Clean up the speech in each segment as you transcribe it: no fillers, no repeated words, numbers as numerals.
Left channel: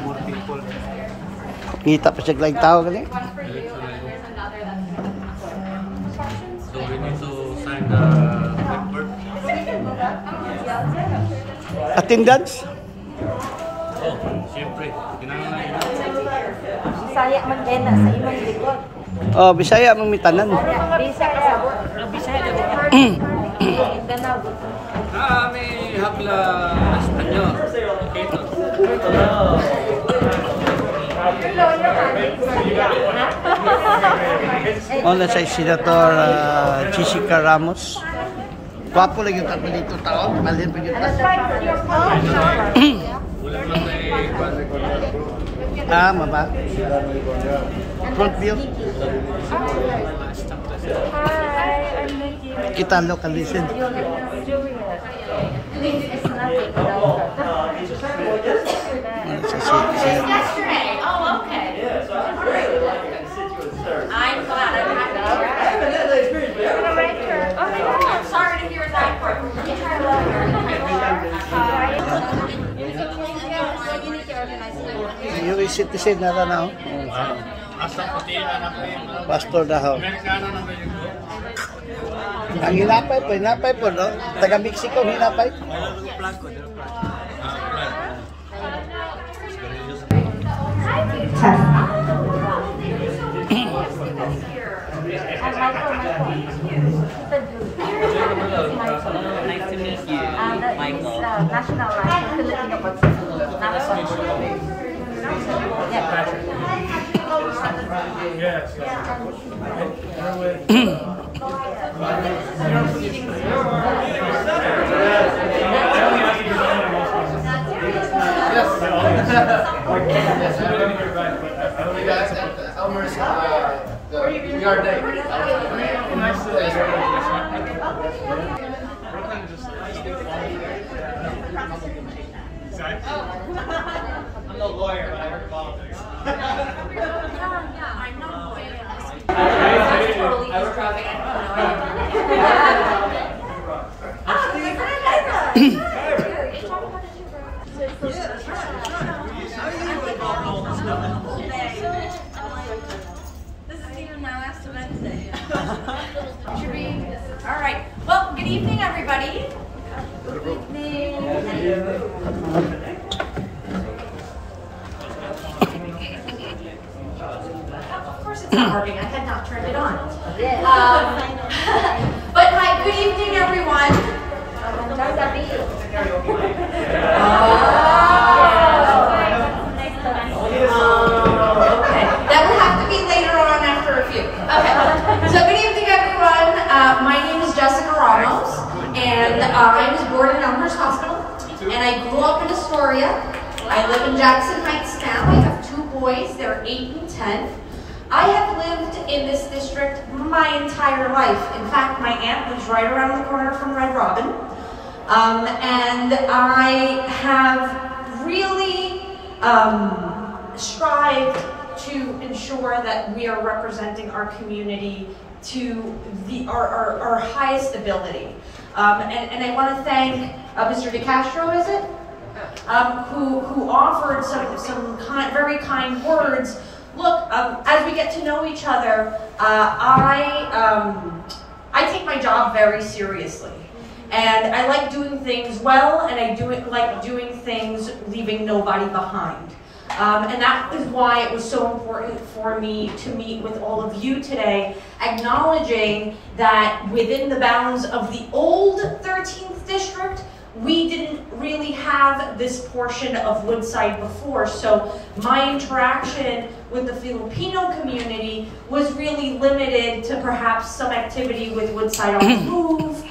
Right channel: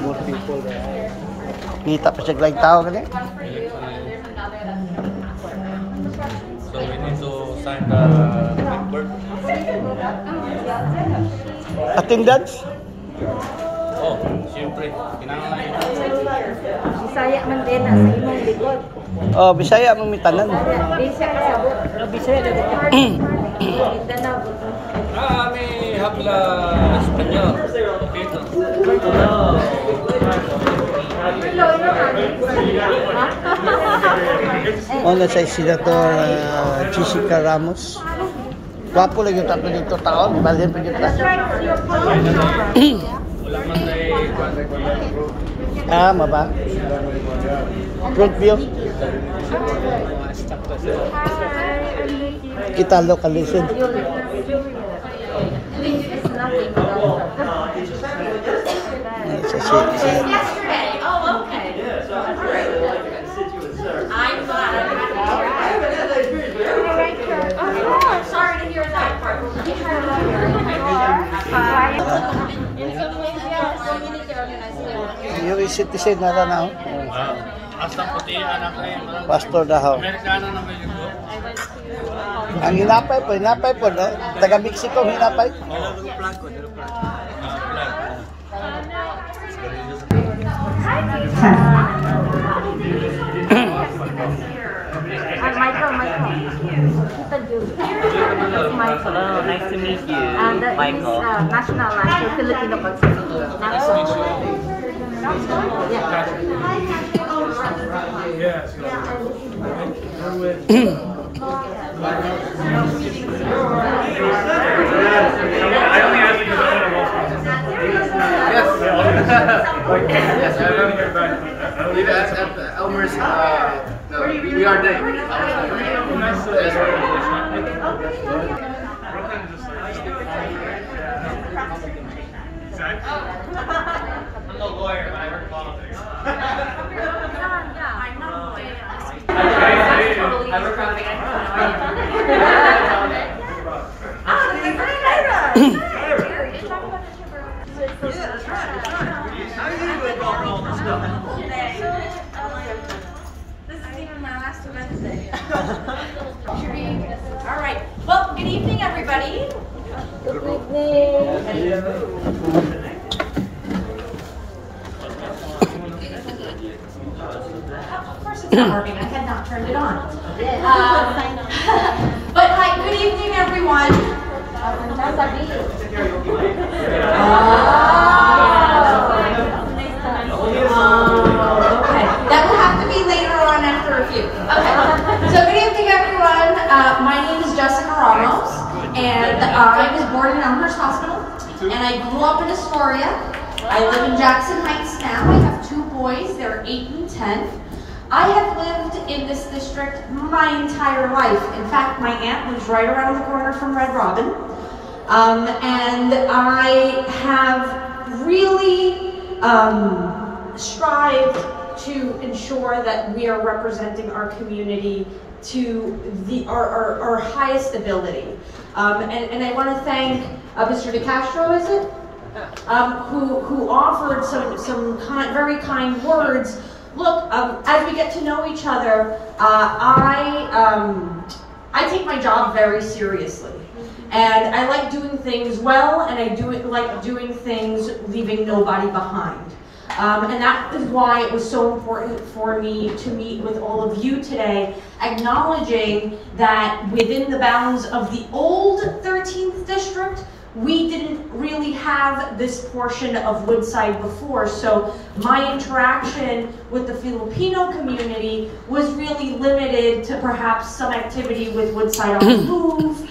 more people there. Kita pa siya lang tao ka So we need to sign the report. Attendance? Oh, siyempre. Kinangalan kita. Bisaya man din sa imong likod. Oh, Bisaya mong mitanan. Bisa kasabot. Bisaya daw. Danab. May habla Espanyol. Okay to. Ona sa Senator Jessica Ramos. Guwapo lang yung tatlo dito tao. Balhin pa dito. Wala man Ah, maba? Front view? Kita localization. Ona sa Yesterday. Oh, okay. I'm glad. Sorry to hear that part. Yung citizen na na ako. Asang puti anak ko yun. Pastor daw. Amerikano na ba yung go? Ang hinapay po, no? Taga Mexico, hinapay. Hello, nice to meet you, Michael. National Rank, Filipino Consulate. Elmer's, we are dead. I'm a lawyer, but I work politics. I'm not a lawyer. I work politics. This is even my last event today. All right. Well, good evening, everybody. Good evening. Of course it's not working. I had not turned it on. But hi, good evening, everyone. Okay. That will have to be later on after a few. Okay. So good evening, everyone. My name is Jessica Ramos, and I was born in Elmhurst Hospital, and I grew up in Astoria. I live in Jackson Heights now. I have two boys. They're 8 and 10. I have lived in this district my entire life. In fact, my aunt lives right around the corner from Red Robin. And I have really strived to ensure that we are representing our community to our highest ability. And I want to thank Mr. DeCastro, is it? Who offered some very kind words. Look, as we get to know each other, I take my job very seriously. And I like doing things well, and I like doing things leaving nobody behind. And that is why it was so important for me to meet with all of you today, acknowledging that within the bounds of the old 13th district, we didn't really have this portion of Woodside before. So my interaction with the Filipino community was really limited to perhaps some activity with Woodside on the Move,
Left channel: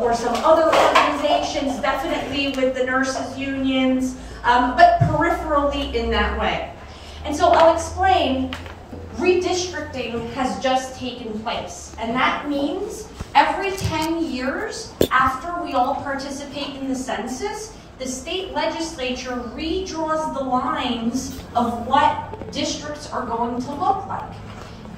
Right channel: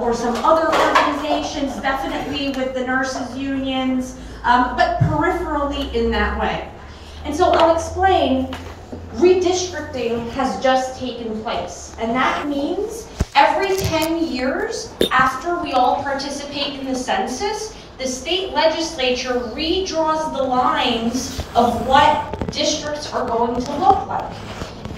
or some other organizations, definitely with the nurses' unions, but peripherally in that way. And so I'll explain, redistricting has just taken place, and that means every 10 years after we all participate in the census, the state legislature redraws the lines of what districts are going to look like.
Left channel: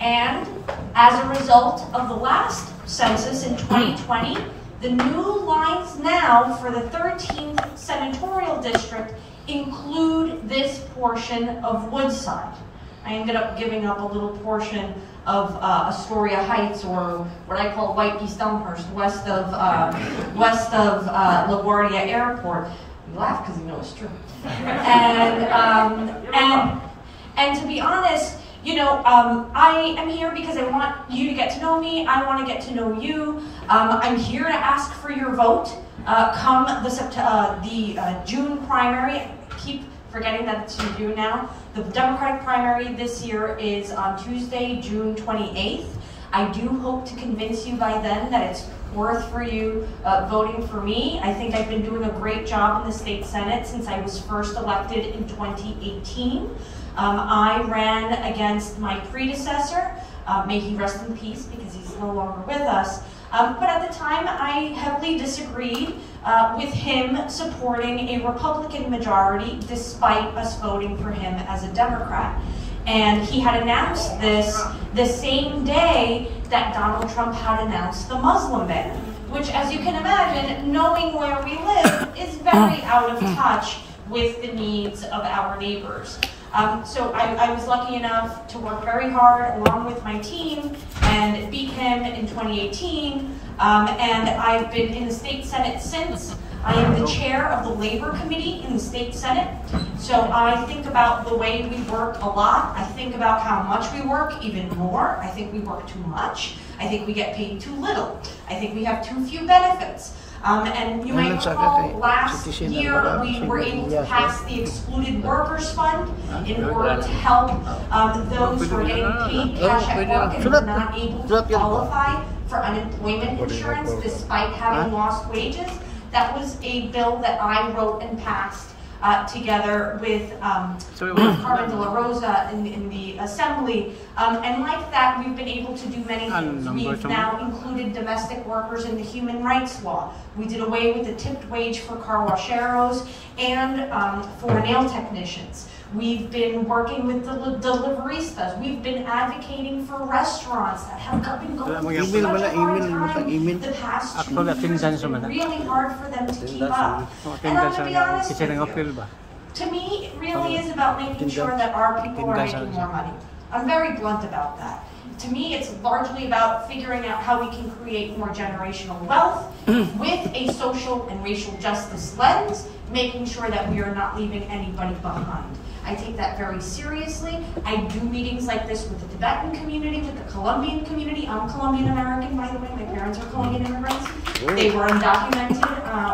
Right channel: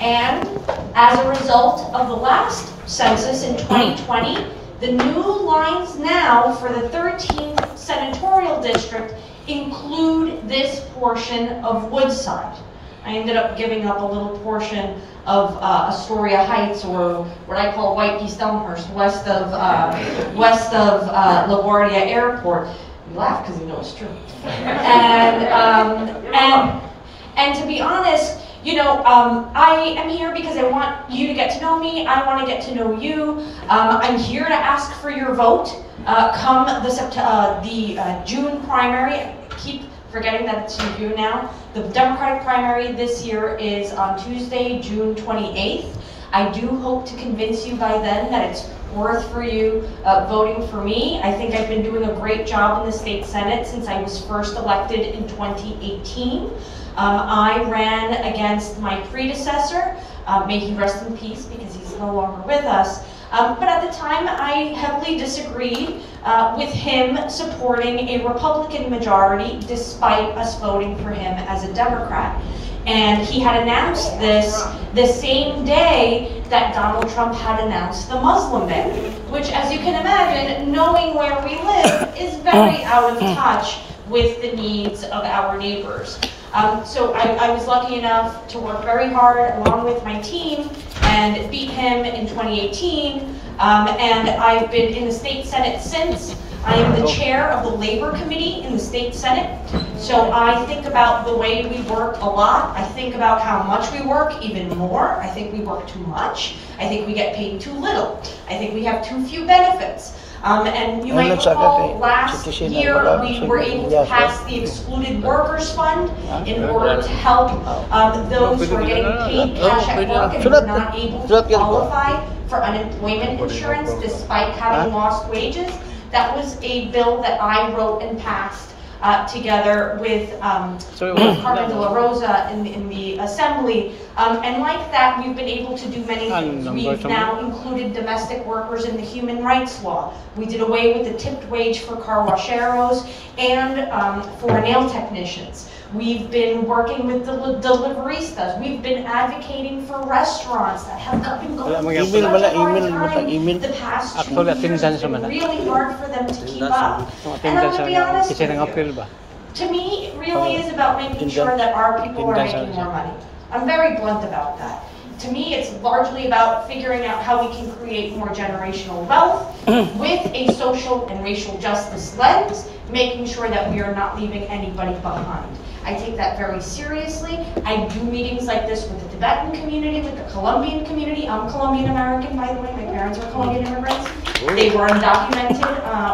And as a result of the last census in 2020, the new lines now for the 13th senatorial district include this portion of Woodside. I ended up giving up a little portion of Astoria Heights, or what I call White East Elmhurst, west of LaGuardia Airport. You laugh because you know it's true. And to be honest, you know, I am here because I want you to get to know me. I want to get to know you. I'm here to ask for your vote. Come the June primary. I keep forgetting that it's in June now. The Democratic primary this year is on Tuesday, June 28th. I do hope to convince you by then that it's worth for you voting for me. I think I've been doing a great job in the state Senate since I was first elected in 2018. I ran against my predecessor, may he rest in peace because he's no longer with us. But at the time, I heavily disagreed with him supporting a Republican majority despite us voting for him as a Democrat. And he had announced this the same day that Donald Trump had announced the Muslim ban, which, as you can imagine, knowing where we live, is very out of touch with the needs of our neighbors. So I was lucky enough to work very hard along with my team and beat him in 2018. And I've been in the state Senate since. I am the chair of the Labor Committee in the state Senate. So I think about the way we work a lot. I think about how much we work even more. I think we work too much. I think we get paid too little. I think we have too few benefits. And you might recall last year we were able to pass the Excluded Workers Fund in order to help those who are getting paid cash at work and who are not able to qualify for unemployment insurance despite having lost wages. That was a bill that I wrote and passed together with Carmen de la Rosa in the Assembly. And like that, we've been able to do many things. We've now included domestic workers in the human rights law. We did away with the tipped wage for car washeros and for nail technicians. We've been working with the deliveristas. We've been advocating for restaurants that have been going through such a hard time the past 2 years. It's been really hard for them to keep up. And I'm going to be honest with you, to me, it really is about making sure that our people are making more money. I'm very blunt about that. To me, it's largely about figuring out how we can create more generational wealth with a social and racial justice lens, making sure that we are not leaving anybody behind. I take that very seriously. I do meetings like this with the Tibetan community, with the Colombian community. I'm Colombian American, by the way. My parents are Colombian immigrants. They were undocumented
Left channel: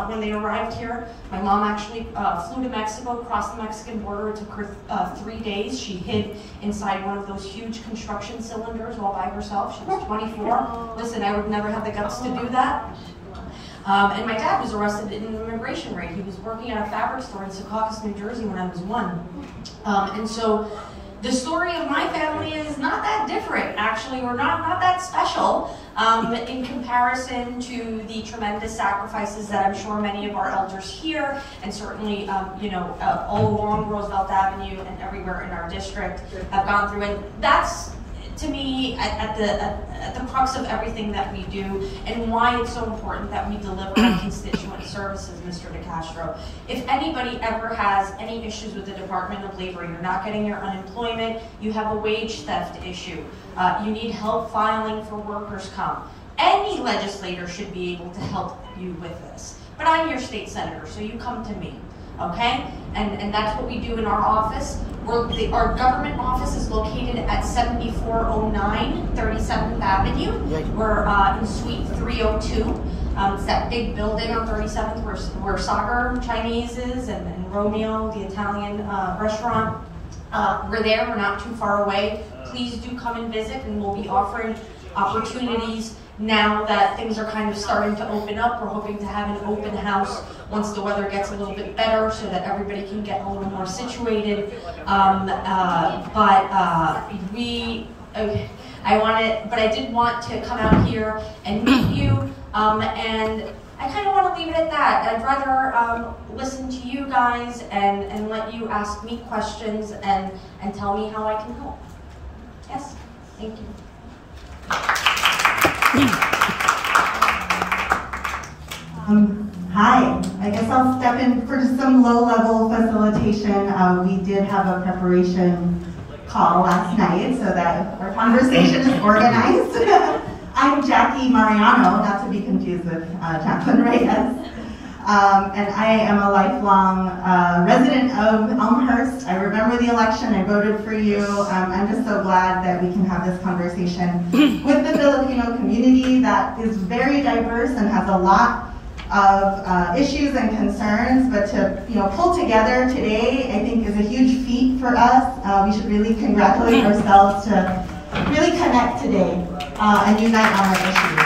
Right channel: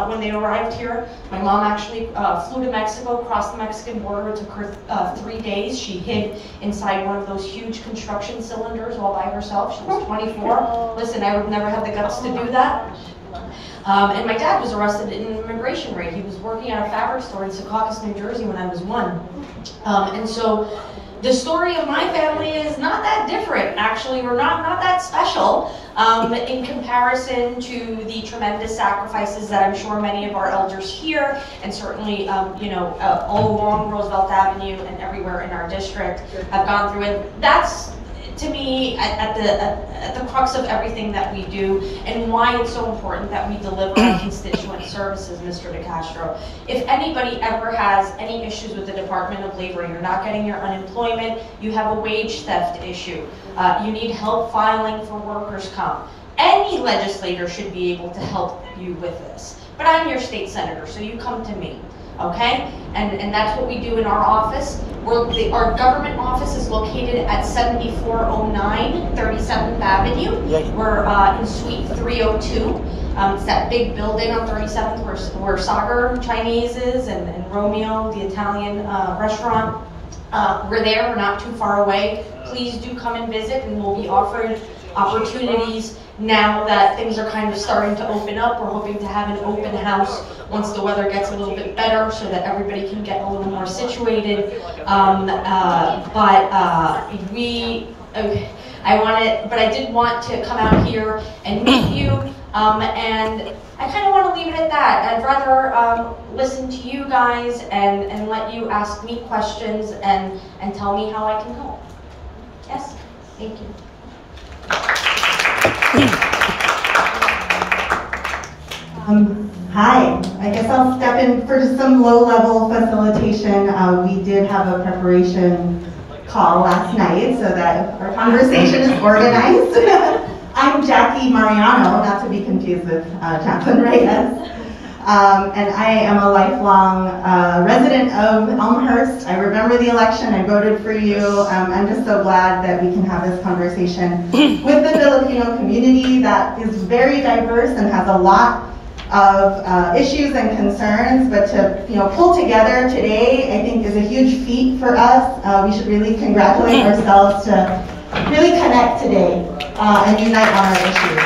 when they arrived here. My mom actually flew to Mexico, crossed the Mexican border. It took her 3 days. She hid inside one of those huge construction cylinders all by herself. She was 24. Listen, I would never have the guts to do that. And my dad was arrested in an immigration raid. He was working at a fabric store in Secaucus, New Jersey when I was 1. And so the story of my family is not that different, actually, or not that special in comparison to the tremendous sacrifices that I'm sure many of our elders here, and certainly, all along Roosevelt Avenue and everywhere in our district have gone through. And that's, to me, at the crux of everything that we do, and why it's so important that we deliver on constituent services, Mr. DeCastro. If anybody ever has any issues with the Department of Labor, you're not getting your unemployment, you have a wage theft issue, you need help filing for workers' comp, any legislator should be able to help you with this. But I'm your state senator, so you come to me. Okay, and that's what we do in our office. Our government office is located at 7409 37th Avenue. We're in Suite 302. It's that big building on 37th where Sagar Chinese is and Romeo, the Italian restaurant. We're there. We're not too far away. Please do come and visit, and we'll be offering opportunities now that things are kind of starting to open up. We're hoping to have an open house once the weather gets a little bit better so that everybody can get a little more situated. I did want to come out here and meet you, and I kind of want to leave it at that. I'd rather listen to you guys and let you ask me questions and tell me how I can help. Yes, thank you. Hi, I guess I'll step in for some low-level facilitation. We did have a preparation call last night so that our conversation is organized. I'm Jackie Mariano, not to be confused with Jacqueline Reyes. And I am a lifelong resident of Elmhurst. I remember the election, I voted for you. I'm just so glad that we can have this conversation with the Filipino community that is very diverse and has a lot of issues and concerns, but to pull together today, I think is a huge feat for us. We should really congratulate ourselves to really connect today and unite on our issues.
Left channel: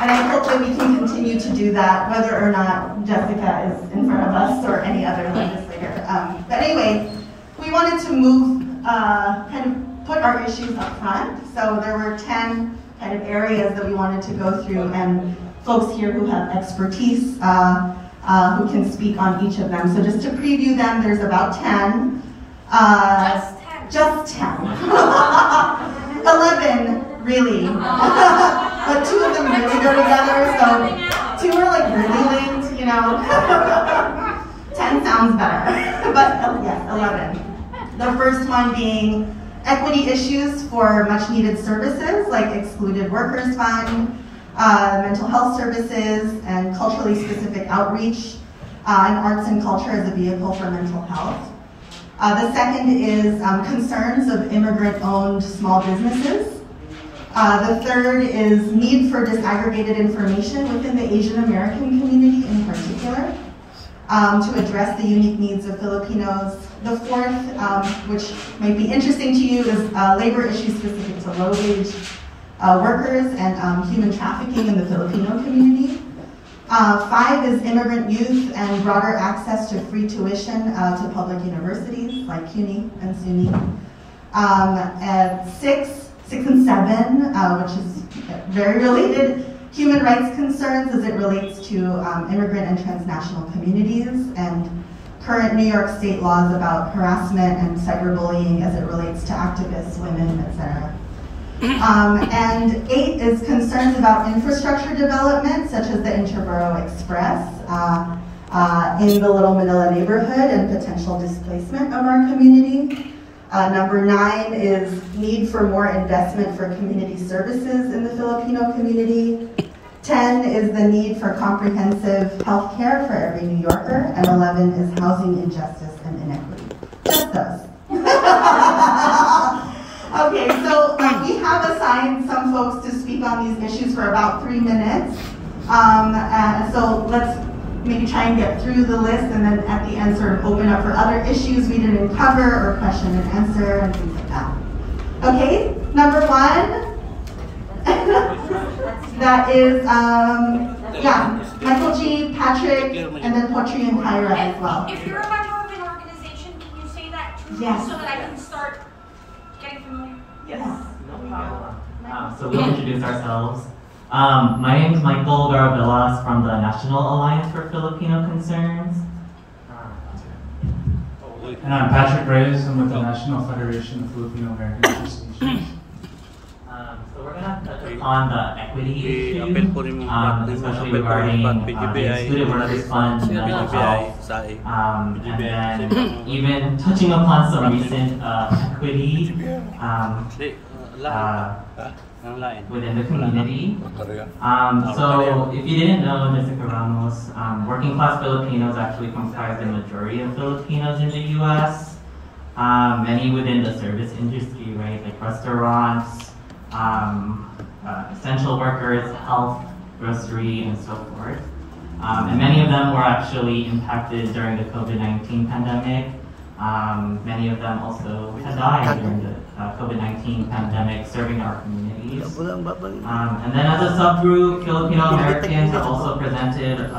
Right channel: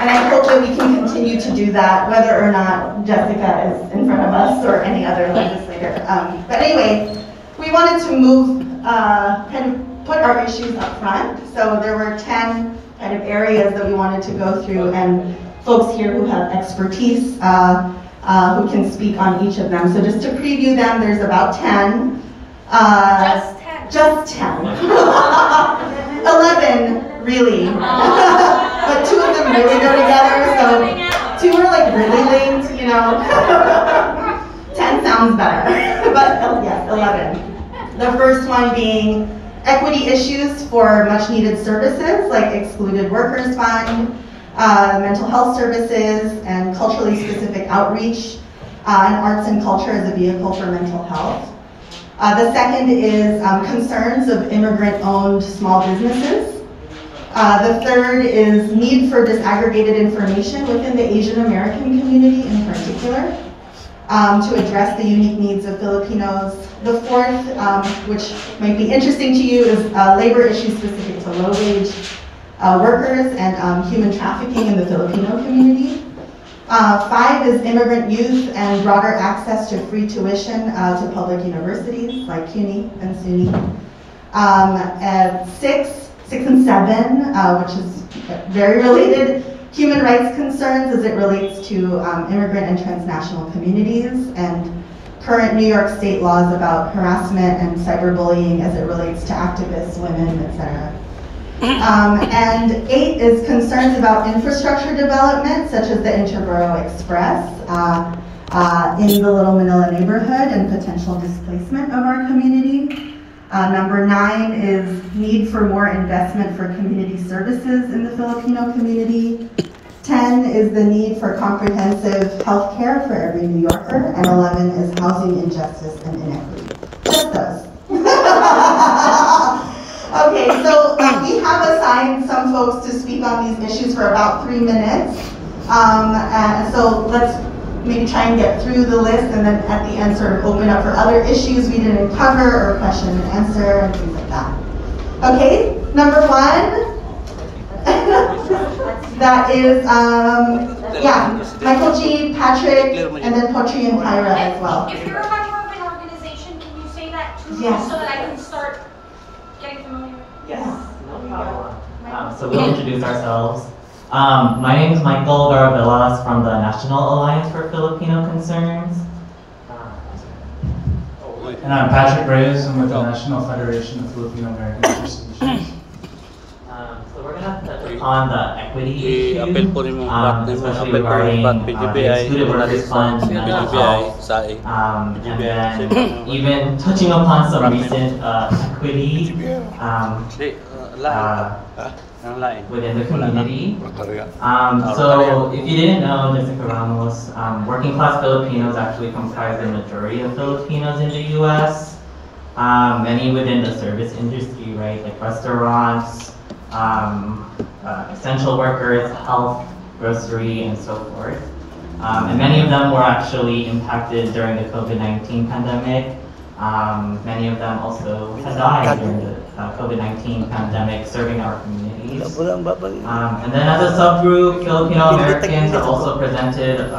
And I hope that we can continue to do that, whether or not Jessica is in front of us or any other legislator. But anyway, we wanted to move, kind of put our issues up front. So there were 10 kind of areas that we wanted to go through, and folks here who have expertise who can speak on each of them. So just to preview them, there's about 10. Just 10. 11, really. But 2 of them really go together, so 2 are like really linked, 10 sounds better. But yes, 11. The first one being equity issues for much needed services like Excluded Workers Fund, mental health services, and culturally specific outreach, and arts and culture as a vehicle for mental health. The second is concerns of immigrant-owned small businesses. The third is need for disaggregated information within the Asian American community in particular to address the unique needs of Filipinos. The fourth, which might be interesting to you, is labor issues specific to low-wage workers and human trafficking in the Filipino community. 5 is immigrant youth and broader access to free tuition to public universities like CUNY and SUNY. And 6 and 7, which is very related, human rights concerns as it relates to immigrant and transnational communities, and current New York State laws about harassment and cyberbullying as it relates to activists, women, etc. And 8 is concerns about infrastructure development, such as the Interborough Express in the Little Manila neighborhood and potential displacement of our community. Number 9 is need for more investment for community services in the Filipino community. 10 is the need for comprehensive health care for every New Yorker. And 11 is housing injustice and inequity. Just those. Okay, so we have assigned some folks to speak on these issues for about 3 minutes. And so let's maybe try and get through the list, and then at the end sort of open up for other issues we didn't cover, or question and answer, and things like that. Okay, number 1. That is, Michael G, Patrick, and then Potri and Kyra as well. If you're a member of an organization, can you say that to me Yes. so that I can start getting familiar? Yes. So we'll introduce ourselves. My name is Michael Garavillas from the National Alliance for Filipino Concerns. And I'm Patrick Reyes. I'm with the National Federation of Filipino American Associations. So we're going to touch upon the equity issues, especially regarding the Excluded Workers Fund, mental health, and then even touching upon some recent equity within the community. So if you didn't know, Jessica Ramos, working class Filipinos actually comprise the majority of Filipinos in the US. Many within the service industry, right, like restaurants, essential workers, health, grocery, and so forth. And many of them were actually impacted during the COVID-19 pandemic. Many of them also had died during the COVID-19 pandemic, serving our communities. And then as a subgroup, Filipino Americans have also presented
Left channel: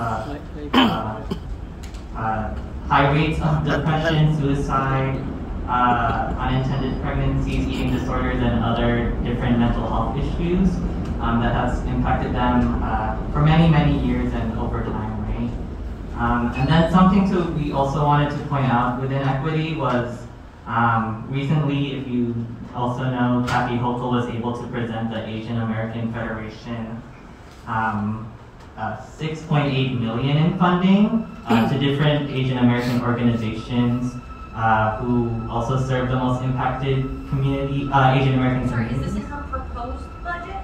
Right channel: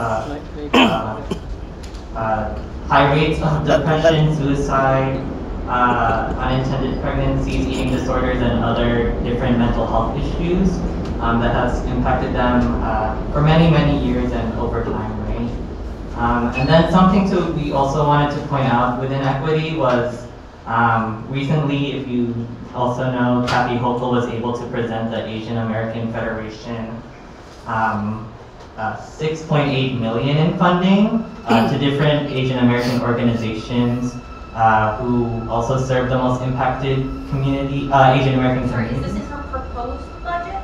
high rates of depression, suicide, unintended pregnancies, eating disorders, and other different mental health issues that has impacted them for many, many years and over time, right? And then something we also wanted to point out within equity was recently, if you also know, Kathy Hochul was able to present the Asian American Federation 6.8 million in funding to different Asian American organizations who also serve the most impacted community, Asian American Sorry, community. is this in her proposed budget?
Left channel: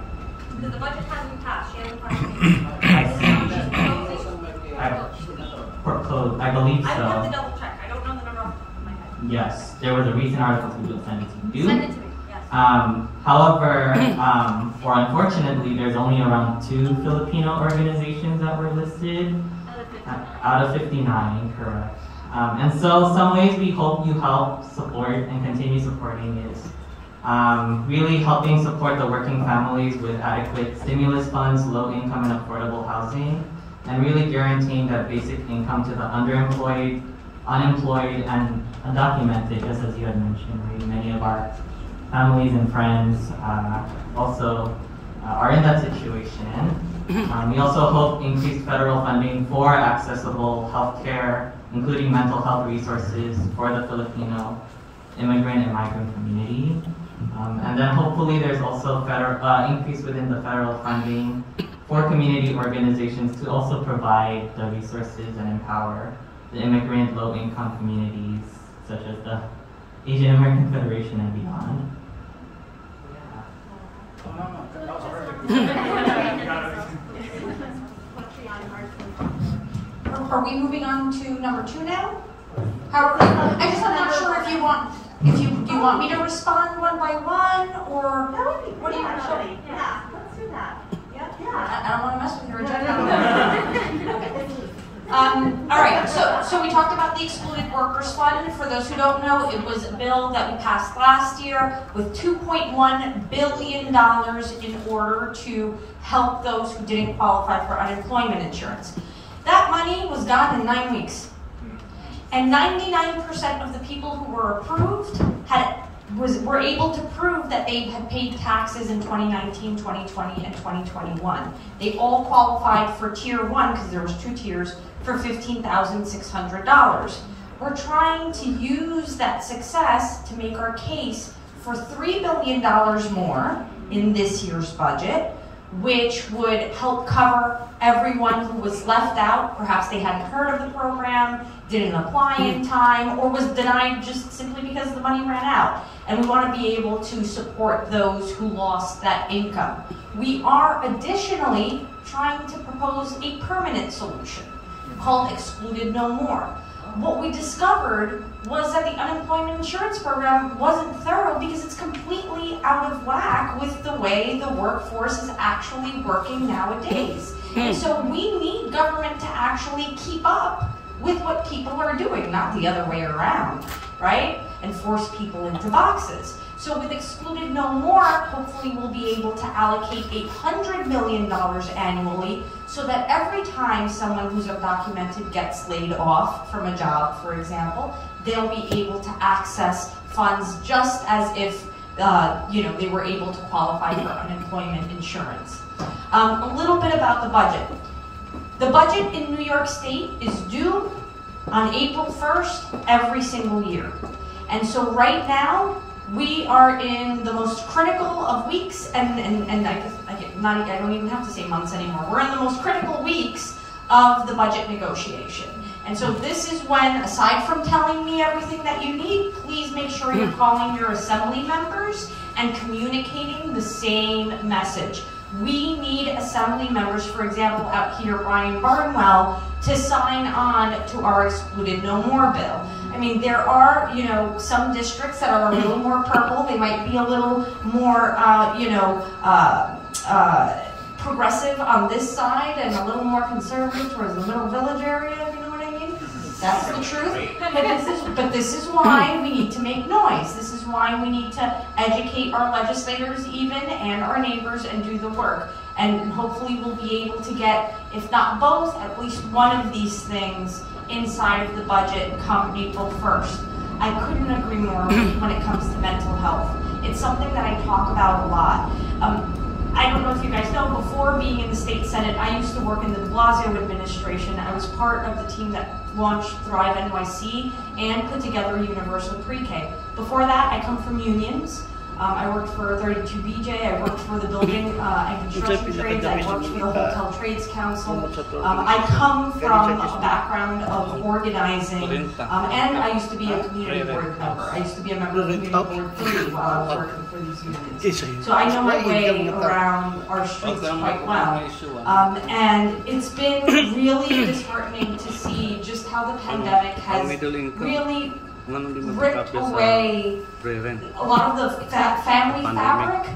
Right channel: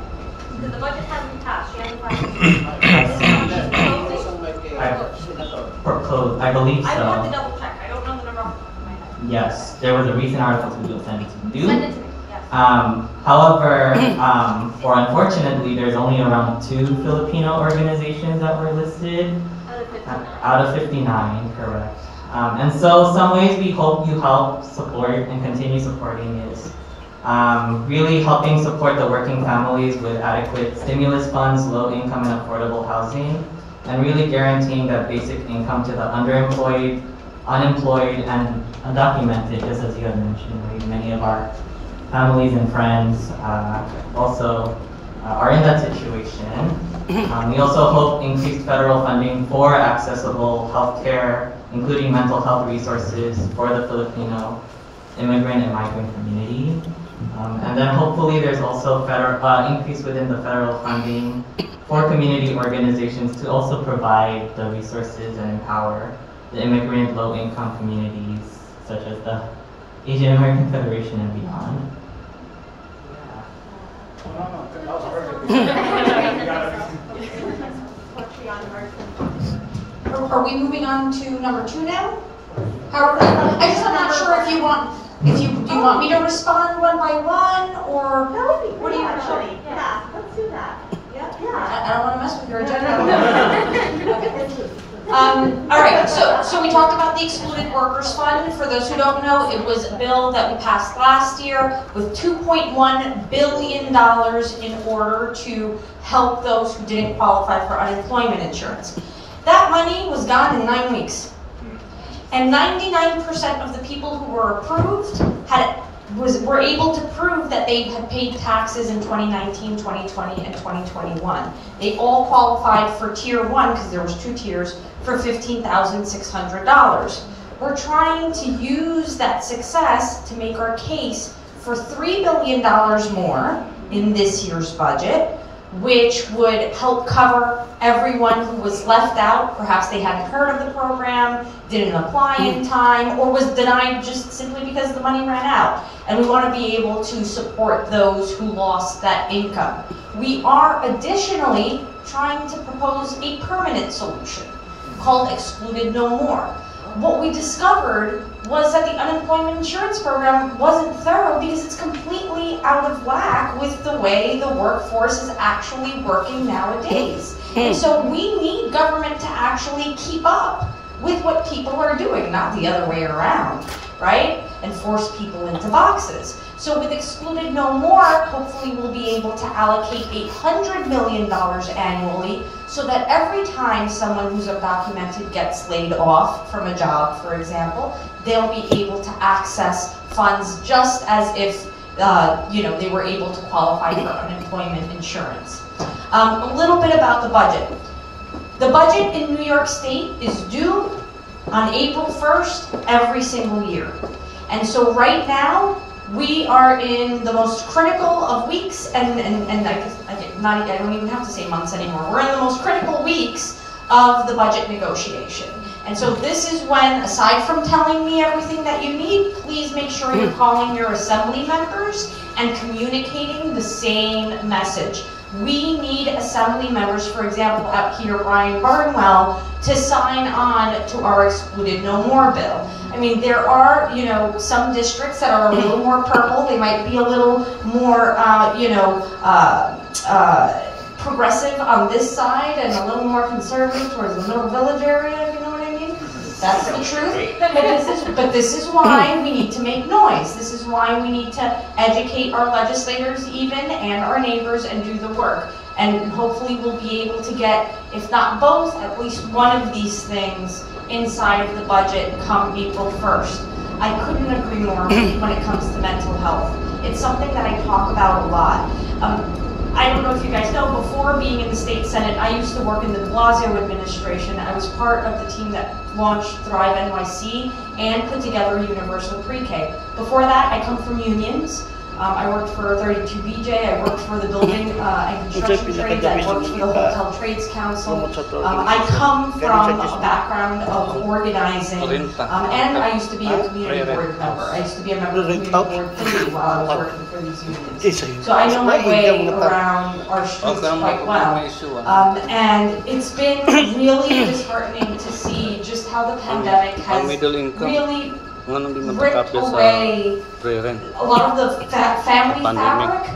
Because the budget hasn't passed. She hasn't passed the budget. I believe so. I would have to double check. I don't know the number off the top of my head. Yes, there was a recent article to be sent to you. Send it to me, yes. However, or unfortunately, there's only around 2 Filipino organizations that were listed. Out of 59, correct. And so some ways we hope you help support and continue supporting is really helping support the working families with adequate stimulus funds, low income and affordable housing, and really guaranteeing that basic income to the underemployed, unemployed, and undocumented, just as you had mentioned, right? Many of our families and friends also are in that situation. We also hope increased federal funding for accessible healthcare, including mental health resources for the Filipino immigrant and migrant community. And then hopefully there's also increase within the federal funding for community organizations to also provide the resources and empower the immigrant low-income communities, such as the Asian American Federation and beyond. Are we moving on to number 2 now? I'm not sure if you want, do you want me to respond one by one, or That would be what do great, you actually. Yeah, let's do that. Yeah. I don't want to mess with your agenda. All right, so we talked about the Excluded Workers Fund. For those who don't know, it was a bill that we passed last year with $2.1 billion in order to help those who didn't qualify for unemployment insurance. That money was gone in 9 weeks. And 99% of the people who were approved were able to prove that they had paid taxes in 2019, 2020, and 2021. They all qualified for Tier 1, because there was 2 tiers, for $15,600. We're trying to use that success to make our case for $3 billion more in this year's budget, which would help cover everyone who was left out. Perhaps they hadn't heard of the program, didn't apply in time, or was denied just simply because the money ran out. And we want to be able to support those who lost that income. We are additionally trying to propose a permanent solution called Excluded No More. What we discovered was that the unemployment insurance program wasn't thorough because it's completely out of whack with the way the workforce is actually working nowadays. And so we need government to actually keep up with what people are doing, not the other way around, right? And force people into boxes. So with Excluded No More, hopefully we'll be able to allocate $800 million annually so that every time someone who's undocumented gets laid off from a job, for example, they'll be able to access funds just as if they were able to qualify for unemployment insurance. A little bit about the budget. The budget in New York State is due on April 1st every single year. And so right now, we are in the most critical of weeks, and I don't even have to say months anymore. We're in the most critical weeks of the budget negotiation. And so this is when, aside from telling me everything that you need, please make sure you're calling your assembly members and communicating the same message. We need assembly members, for example, out here, Brian Barnwell, to sign on to our Excluded No More bill. I mean, there are, some districts that are a little more purple. They might be a little more, progressive on this side and a little more conservative towards the Middle Village area, you know what I mean? That's the truth. But this is why we need to make noise. This is why we need to educate our legislators even and our neighbors and do the work. And hopefully we'll be able to get, if not both, at least one of these things inside of the budget come April 1st. I couldn't agree more when it comes to mental health. It's something that I talk about a lot. I don't know if you guys know, before being in the state senate, I used to work in the de Blasio administration. I was part of the team that launched Thrive NYC and put together Universal Pre-K. Before that, I come from unions. I worked for 32 BJ, I worked for the building and construction trades, I worked for the Hotel Trades Council. I come from a background of organizing, and I used to be a community board member. I used to be a member of the community board while I was working for these unions. So I know my way around our streets quite well. And it's been really disheartening to see just how the pandemic has really ripped away a lot of the family fabric.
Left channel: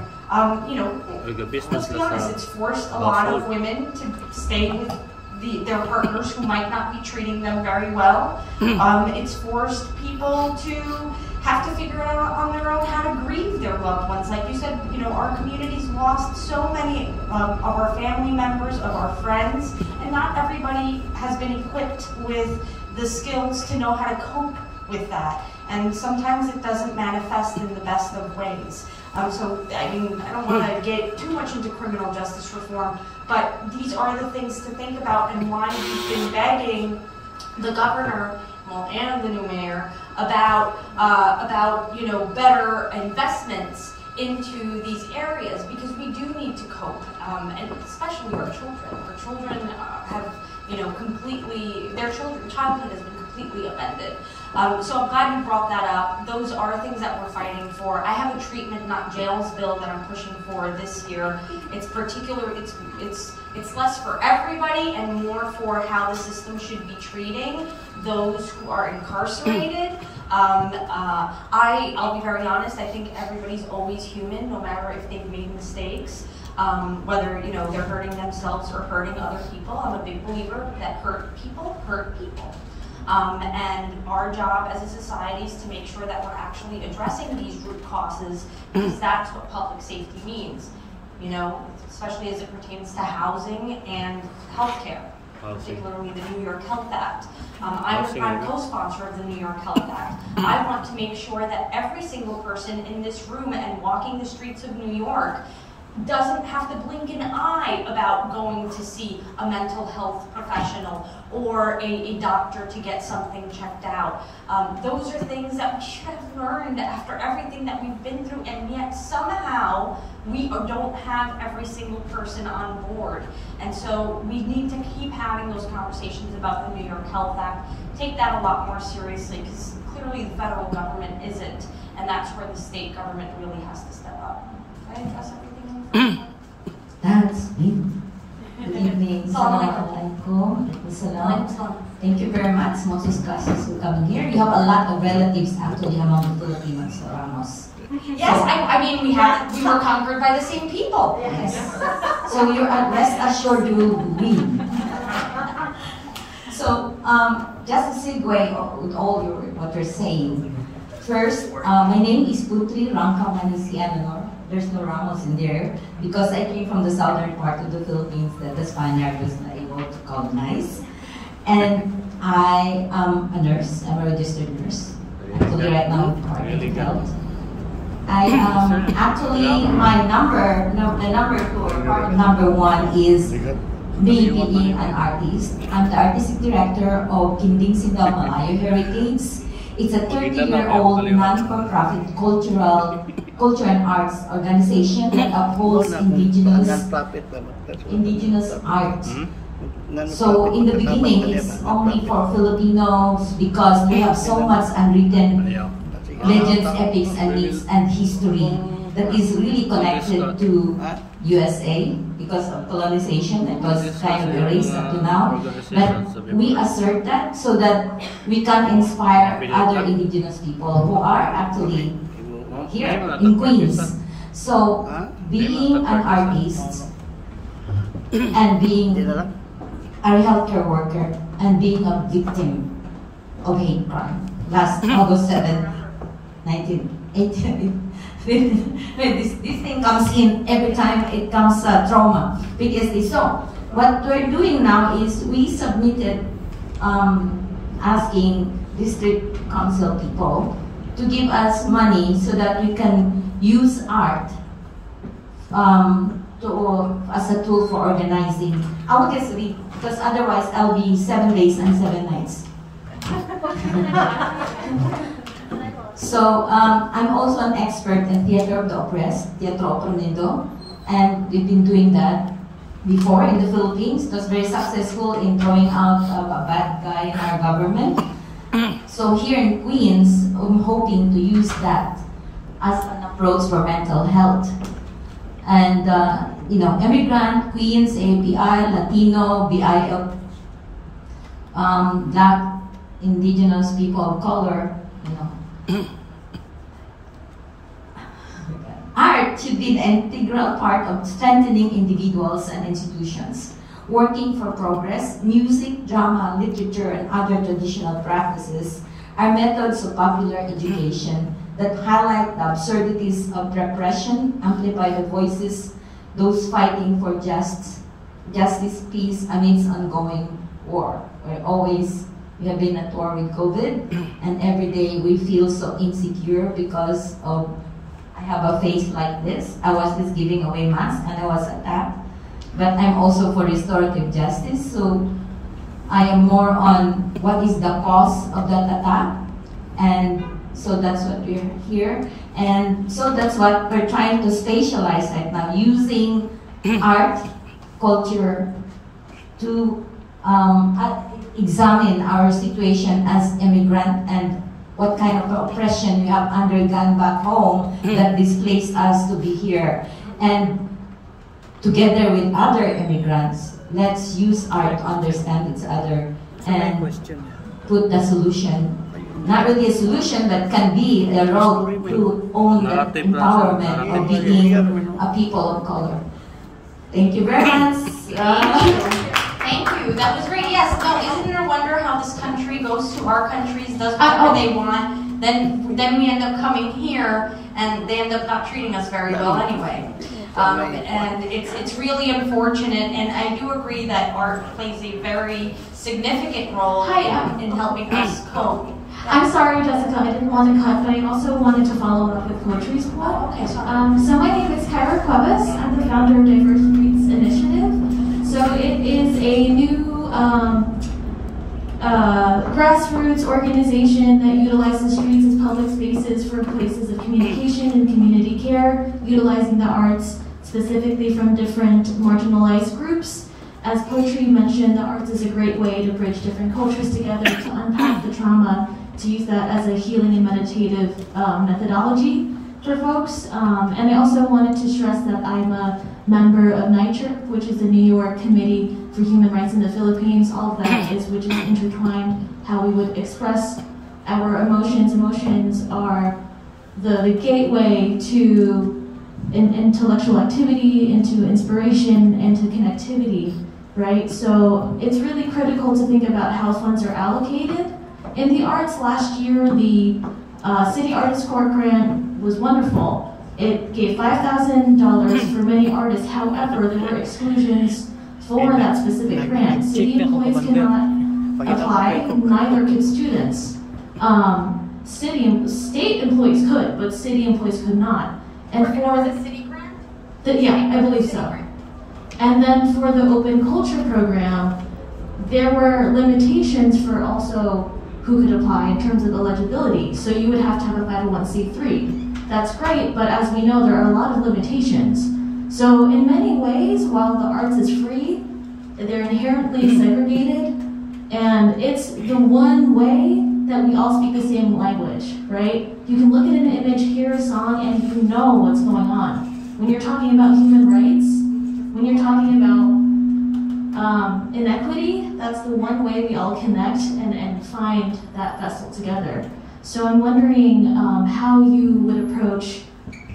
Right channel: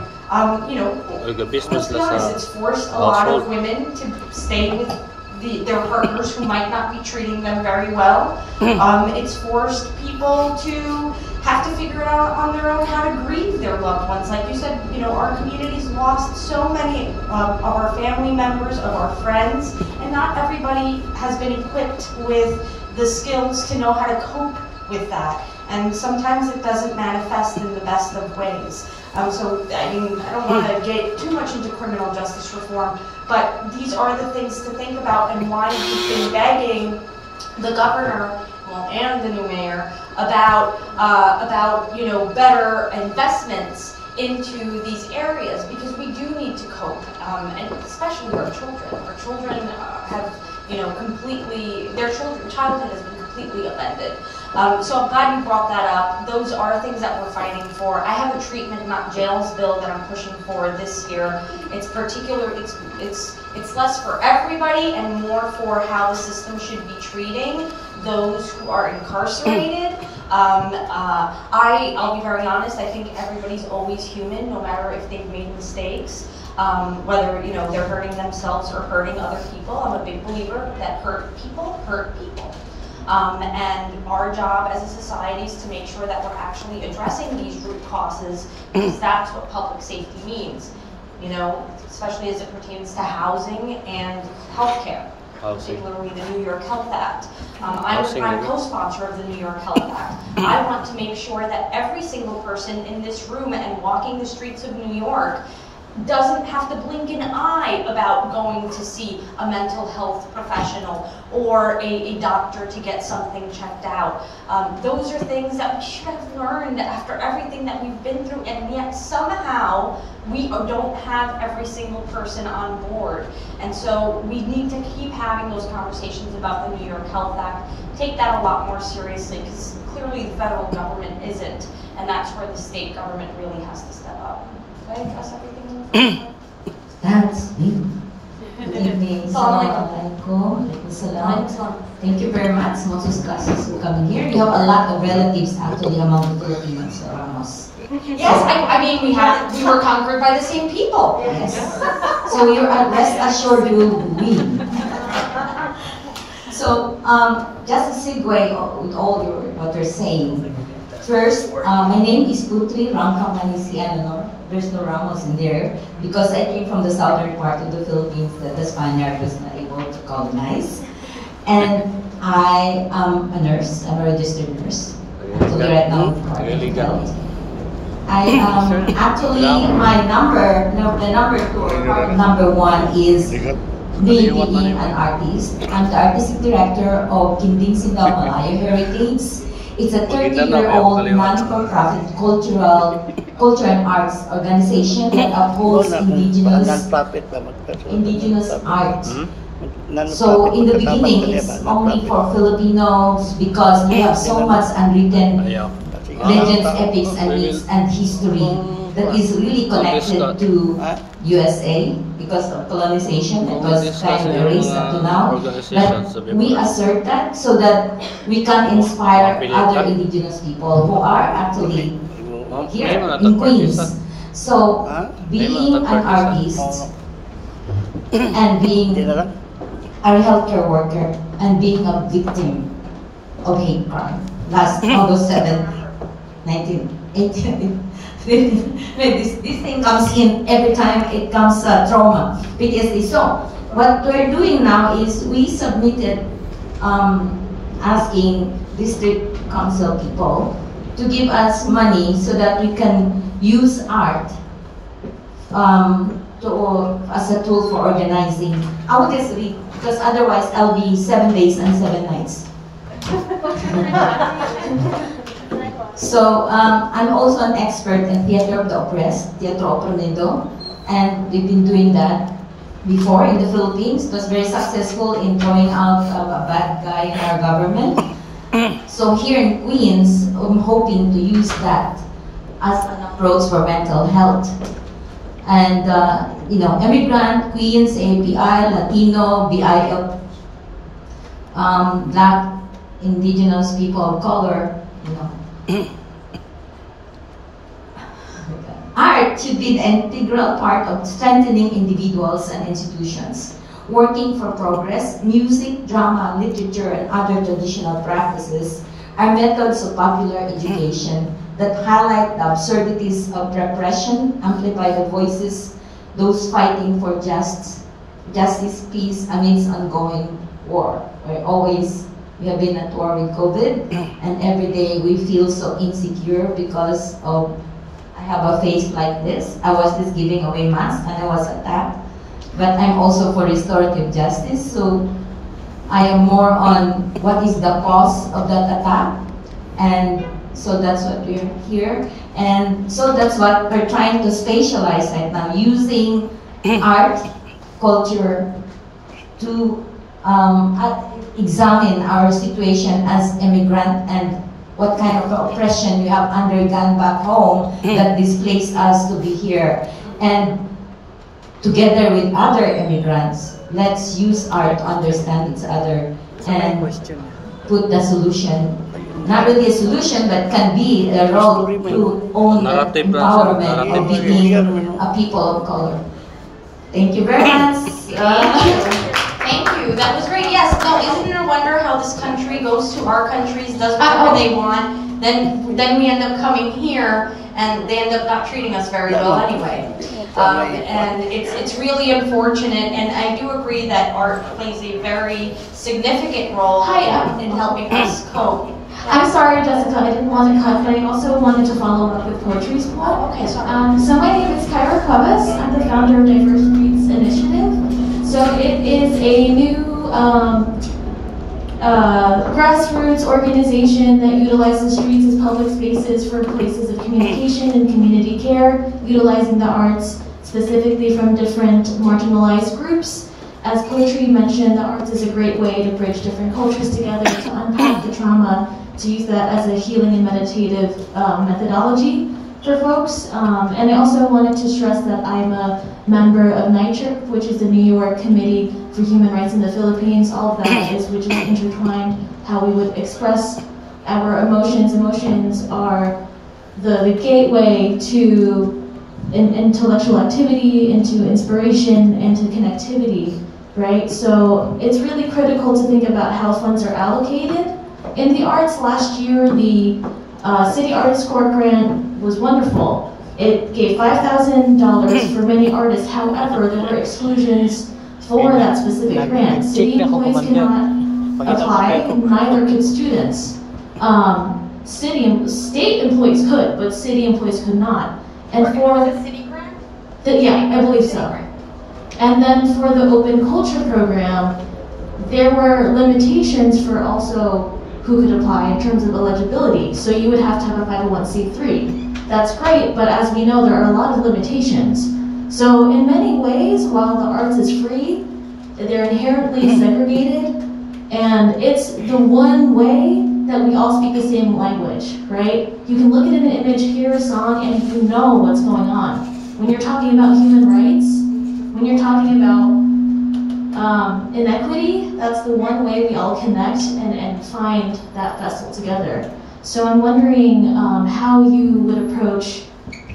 You know, let's be honest, it's forced a lot of women to stay with their partners who might not be treating them very well. It's forced people to have to figure out on their own how to grieve their loved ones. Like you said, you know, our community's lost so many of our family members, of our friends, and not everybody has been equipped with the skills to know how to cope with that. And sometimes it doesn't manifest in the best of ways. So, I mean, I don't want to get too much into criminal justice reform, but these are the things to think about, and why we've been begging the governor, well, and the new mayor about you know, better investments into these areas, because we do need to cope, and especially our children. Our children have, you know, their childhood has been completely upended. So I'm glad you brought that up. Those are things that we're fighting for. I have a treatment, not jails bill that I'm pushing for this year. It's it's less for everybody and more for how the system should be treating those who are incarcerated. I'll be very honest, I think everybody's always human, no matter if they've made mistakes. Whether, you know, they're hurting themselves or hurting other people. I'm a big believer that hurt people hurt people. And our job as a society is to make sure that we're actually addressing these root causes, because that's what public safety means, you know, especially as it pertains to housing and healthcare, particularly the New York Health Act. I'm a co-sponsor of the New York Health Act. I want to make sure that every single person in this room and walking the streets of New York doesn't have to blink an eye about going to see a mental health professional or a doctor to get something checked out. Those are things that we should have learned after everything that we've been through, and yet somehow we don't have every single person on board. And so we need to keep having those conversations about the New York Health Act, take that a lot more seriously, because clearly the federal government isn't, and that's where the state government really has to step up. Did I address everything? That's me. Good evening. Assalamualaikum. Thank you very much, Moses Casas, for coming here. You have a lot of relatives actually among the Filipinos, Ramos. Yes, I mean, we were conquered by the same people. Yes. So you're rest assured you will win. So just a segue with all what you're saying. First, my name is Putri Rangka Manisi Ananor. There's no Ramos in there because I came from the southern part of the Philippines that the Spaniard was not able to colonize. And I am a nurse. I'm a registered nurse. Actually, right now, Department of Health. I actually, my number, the number 2 or part number 1 is me being an artist. I'm the artistic director of Kinding Sindaw Malaya Heritage. It's a 30-year-old non-for-profit culture and arts organization that upholds indigenous art. So in the beginning, it's only for Filipinos because they have so much unwritten legends, epics, and myths and history that is really connected to USA because of colonization. It was kind of erased up to now. But we assert that so that we can inspire other indigenous people who are actually here in Queens. So being an artist and being a healthcare worker and being a victim of hate crime last August 7th, 1980. This thing comes in every time it comes trauma, PTSD. So what we're doing now is we submitted asking district council people to give us money so that we can use art as a tool for organizing. I will just read because otherwise I'll be 7 days and 7 nights. So I'm also an expert in theater of the oppressed, Teatro Oprimido, and we've been doing that before in the Philippines. It was very successful in drawing out a bad guy in our government. So here in Queens, I'm hoping to use that as an approach for mental health. And you know, immigrant, Queens, API, Latino, BIL, Black, Indigenous, people of color, you know. Art should be an integral part of strengthening individuals and institutions. Working for progress, music, drama, literature, and other traditional practices are methods of popular education that highlight the absurdities of repression, amplify the voices, those fighting for justice, peace amidst ongoing war. We have been at war with COVID, and every day we feel so insecure because of, I have a face like this. I was just giving away masks and I was attacked. But I'm also for restorative justice, so I am more on what is the cause of that attack. And so that's what we're here. And so that's what we're trying to spatialize right now, using art, culture to examine our situation as immigrant and what kind of oppression we have undergone back home that displaced us to be here. And together with other immigrants, let's use art to understand each other and put the solution, not really a solution, but can be a role to own the empowerment of being a people of color. Thank you very much. Thank you. That was great. Yes. No. Isn't it a wonder how this country goes to our countries, does whatever they want, then we end up coming here, and they end up not treating us very well anyway. And it's really unfortunate, and I do agree that art plays a very significant role in helping us cope. I'm sorry, Jessica, I didn't want to cut, but I also wanted to follow up with Poetry Squad. Oh, okay, sorry. So my name is Kyra Cuevas. I'm the founder of Diverse Streets Initiative. So it is a new grassroots organization that utilizes streets as public spaces for places of communication and community care, utilizing the arts specifically from different marginalized groups. As Poetry mentioned, the arts is a great way to bridge different cultures together, to unpack the trauma, to use that as a healing and meditative methodology for folks. And I also wanted to stress that I'm a member of NYCHRP, which is the New York Committee for Human Rights in the Philippines. All of that is which is intertwined, how we would express our emotions. Emotions are the gateway to intellectual activity, into inspiration, into connectivity, right? So it's really critical to think about how funds are allocated. In the arts last year, the City Artist Corps grant was wonderful. It gave $5,000 for many artists. However, there were exclusions for that specific grant. City employees cannot apply, neither could students. State employees could, but city employees could not. And for the city grant? Yeah, I believe so. And then for the Open Culture program, there were limitations for also who could apply in terms of eligibility. So you would have to have a 501c3. That's great, but as we know, there are a lot of limitations. So in many ways, while the arts is free, they're inherently segregated, and it's the one way that we all speak the same language, right? You can look at an image, hear a song, and you know what's going on. When you're talking about human rights, when you're talking about inequity, that's the one way we all connect and find that vessel together. So I'm wondering how you would approach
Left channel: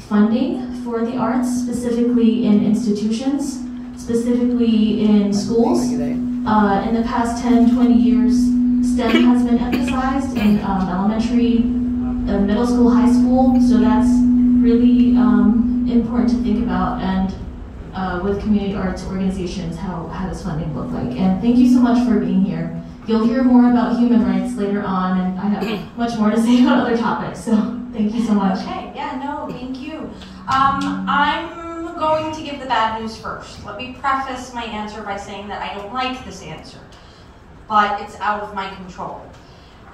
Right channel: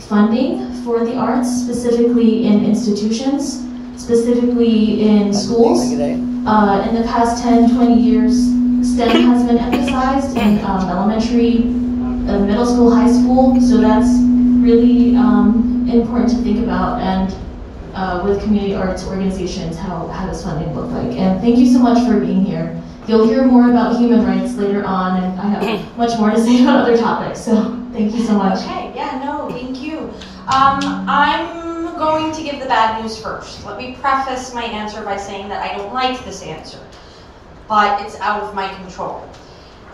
funding for the arts, specifically in institutions, specifically in schools. In the past 10, 20 years, STEM has been emphasized in elementary, middle school, high school, so that's really important to think about, and with community arts organizations, how does funding look like? And thank you so much for being here. You'll hear more about human rights later on, and I have much more to say about other topics, so thank you so much. Okay, yeah, no, thank you. I'm going to give the bad news first. Let me preface my answer by saying that I don't like this answer, but it's out of my control.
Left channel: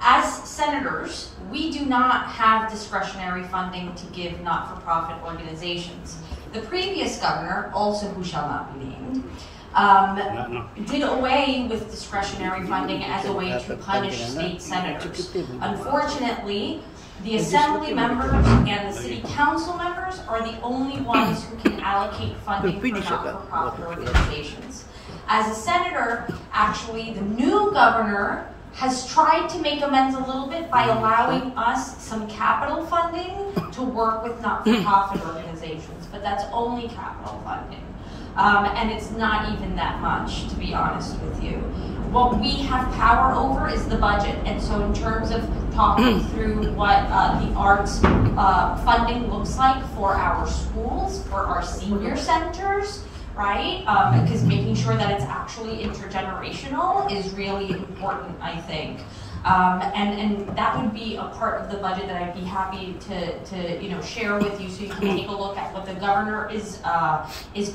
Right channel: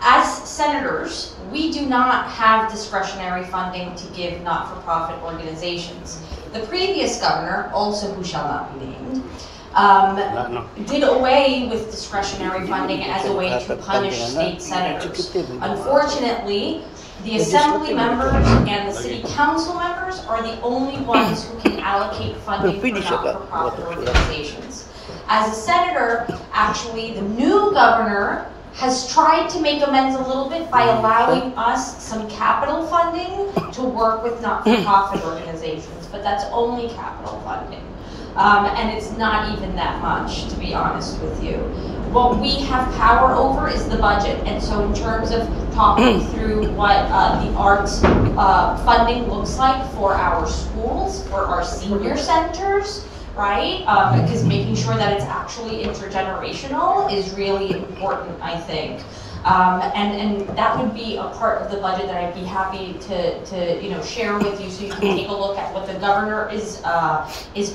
As senators, we do not have discretionary funding to give not-for-profit organizations. The previous governor, also who shall not be named, did away with discretionary funding as a way to punish state senators. Unfortunately, the assembly members and the city council members are the only ones who can allocate funding for not-for-profit organizations. As a senator, actually, the new governor has tried to make amends a little bit by allowing us some capital funding to work with not-for-profit organizations, but that's only capital funding. And it's not even that much, to be honest with you. What we have power over is the budget, and so in terms of talking through what the arts funding looks like for our schools, for our senior centers, right? Because making sure that it's actually intergenerational is really important, I think. And that would be a part of the budget that I'd be happy to share with you, so you can take a look at what the governor is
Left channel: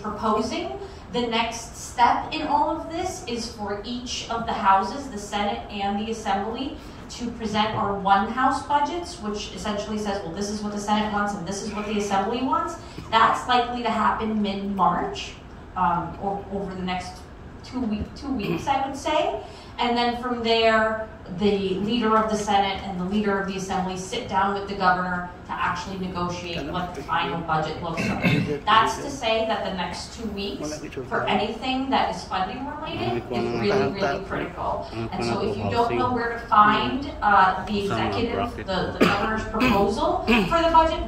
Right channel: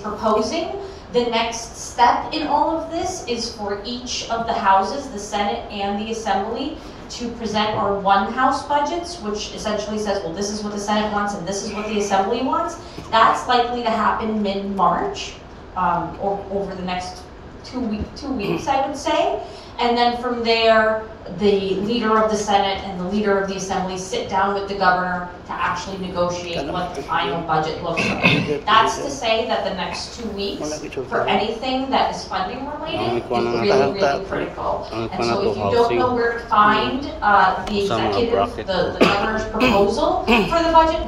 proposing. The next step in all of this is for each of the houses, the Senate and the Assembly, to present our one-house budgets, which essentially says, well, this is what the Senate wants and this is what the Assembly wants. That's likely to happen mid-March, or over the next two weeks, I would say. And then from there, the leader of the Senate and the leader of the Assembly sit down with the governor to actually negotiate what the final budget looks like. That's to say that the next 2 weeks, for anything that is funding related, is really, really critical. And so if you don't know where to find the executive, the governor's proposal for the budget,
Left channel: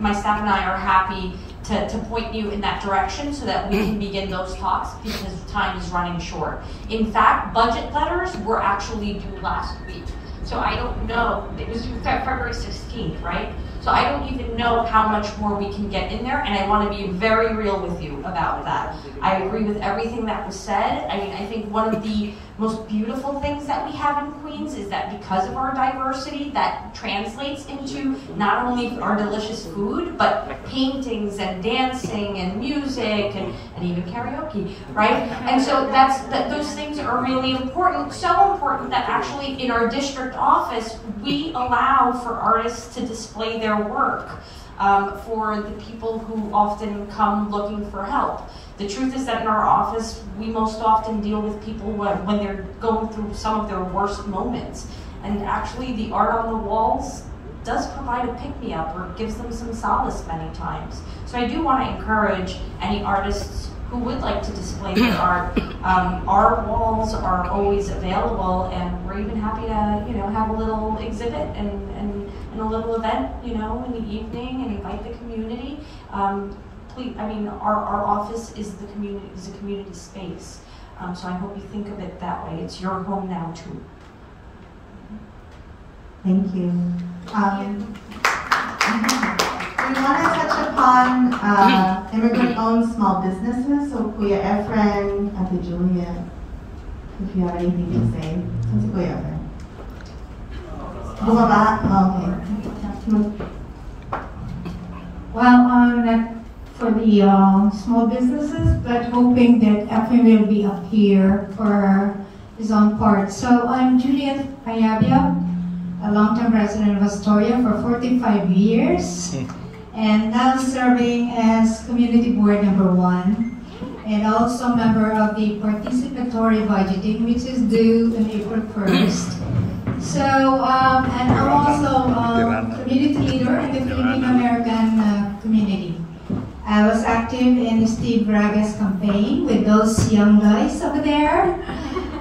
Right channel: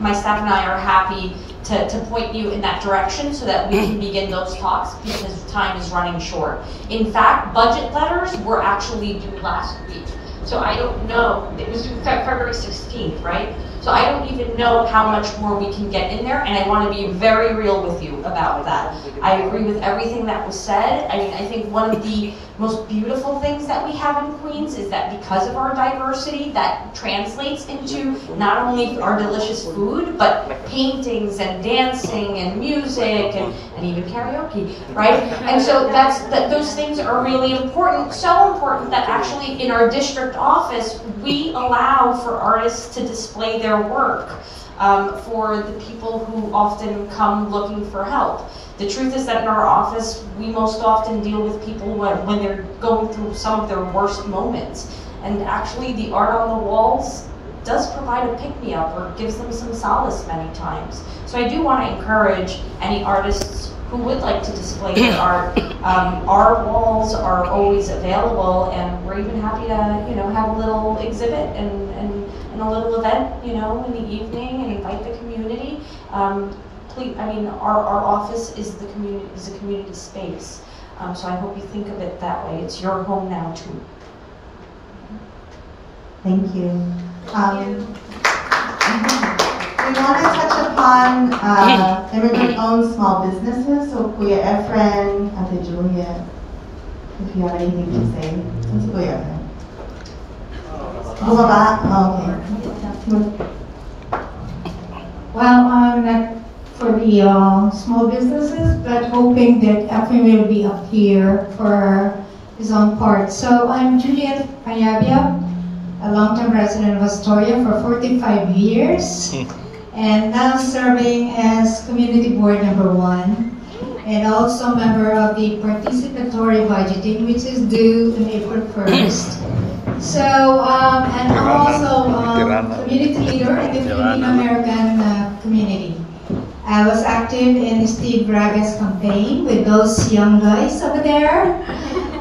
my staff and I are happy to point you in that direction so that we can begin those talks, because time is running short. In fact, budget letters were actually due last week. So I don't know, it was due February 16th, right? So I don't even know how much more we can get in there, and I want to be very real with you about that. I agree with everything that was said. I mean, I think one of the most beautiful things that we have in Queens is that because of our diversity, that translates into not only our delicious food, but paintings and dancing and music and even karaoke, right? And so those things are really important, so important that actually in our district office, we allow for artists to display their work for the people who often come looking for help. The truth is that in our office, we most often deal with people when they're going through some of their worst moments. And actually, the art on the walls does provide a pick-me-up or gives them some solace many times. So I do want to encourage any artists who would like to display their art. Our walls are always available, and we're even happy to, have a little exhibit and a little event, in the evening, and invite the community. Please, our office is a community space, so I hope you think of it that way. It's your home now too. Thank you. We want to touch upon immigrant-owned small businesses. So, Kuya Efren, Ate Juliet, if you have anything to say. That's Kuya Efren. Bumaba? Oh, okay. Well, not for the small businesses, but hoping that Efren will be up here for his own part. So, I'm Juliet Payabia, a long-term resident of Astoria for 45 years. And now serving as Community Board Number 1, and also member of the Participatory Budgeting, which is due on April 1st. So, and I'm also community leader in the Filipino American community. I was active in Steve Braga's campaign with those young guys over there.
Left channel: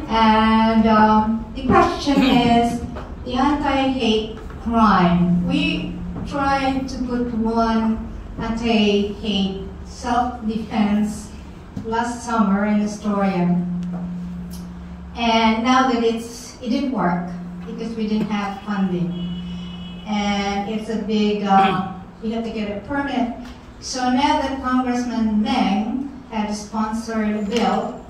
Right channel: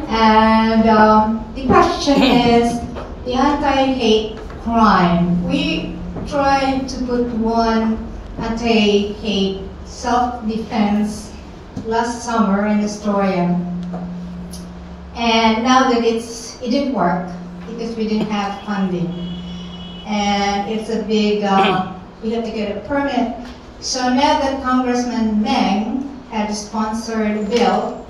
And the question is the anti-hate crime. We tried to put one anti-hate self-defense last summer in Astoria. And now that it didn't work because we didn't have funding. And it's a big, we have to get a permit. So now that Congressman Meng had sponsored a bill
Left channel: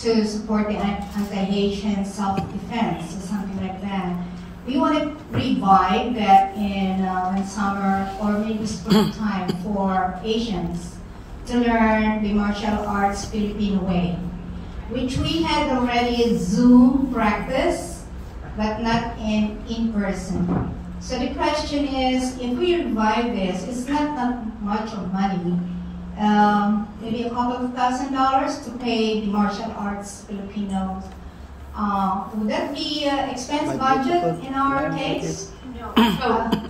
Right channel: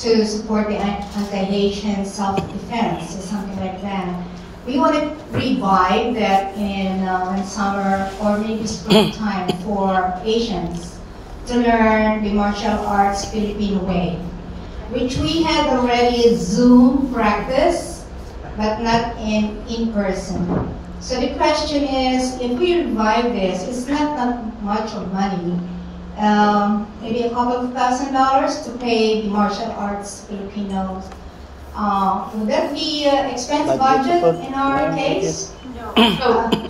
to support the anti-Haitian self-defense or something like that, we want to revive that in summer or maybe springtime for Asians to learn the martial arts Filipino way, which we had already Zoom practice but not in person. So the question is, if we revive this, it's not that much of money. Maybe a couple of $1,000s to pay the martial arts Filipinos. Would that be expense budget in our case?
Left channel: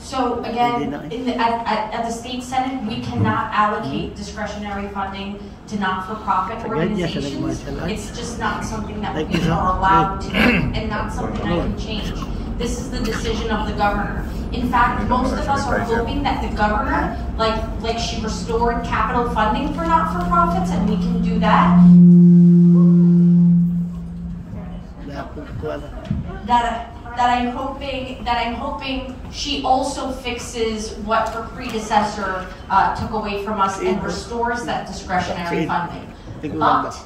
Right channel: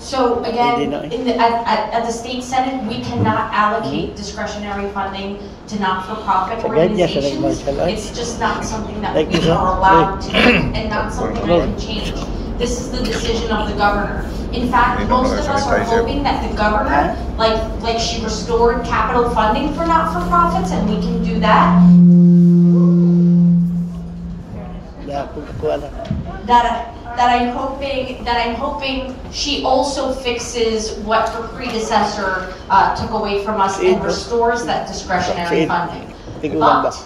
So again, at the state senate, we cannot allocate discretionary funding to not-for-profit organizations. It's just not something that we are allowed to do, and not something I can change. This is the decision of the governor. In fact, most of us are hoping that the governor, like she restored capital funding for not-for-profits, and we can do that. That I'm hoping she also fixes what her predecessor took away from us and restores that discretionary funding. But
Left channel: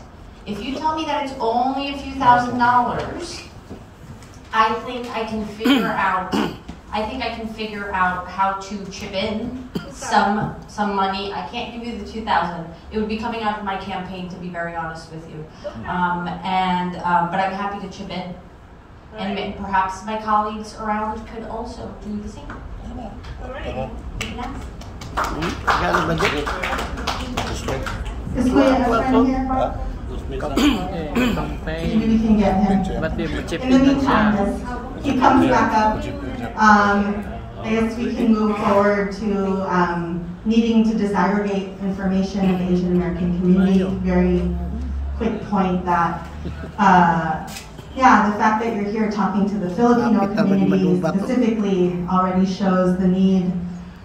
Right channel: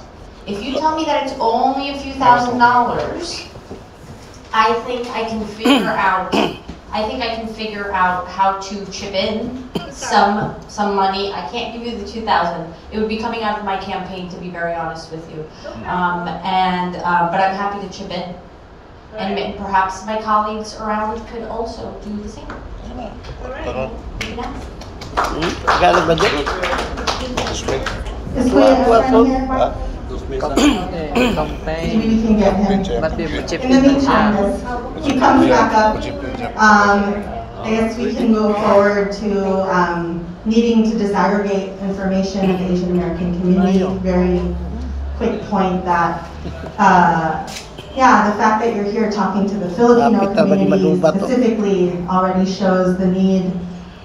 if you tell me that it's only a few $1,000s, I think I can figure out. I think I can figure out how to chip in some money. I can't give you the $2,000. It would be coming out of my campaign, to be very honest with you. But I'm happy to chip in. And perhaps my colleagues around could also do the same. Maybe we can get him. In the meantime, as he comes back up, I guess we can move forward to needing to disaggregate information of the Asian American community. Very quick point that the fact that you're here talking to the Filipino community specifically already shows the need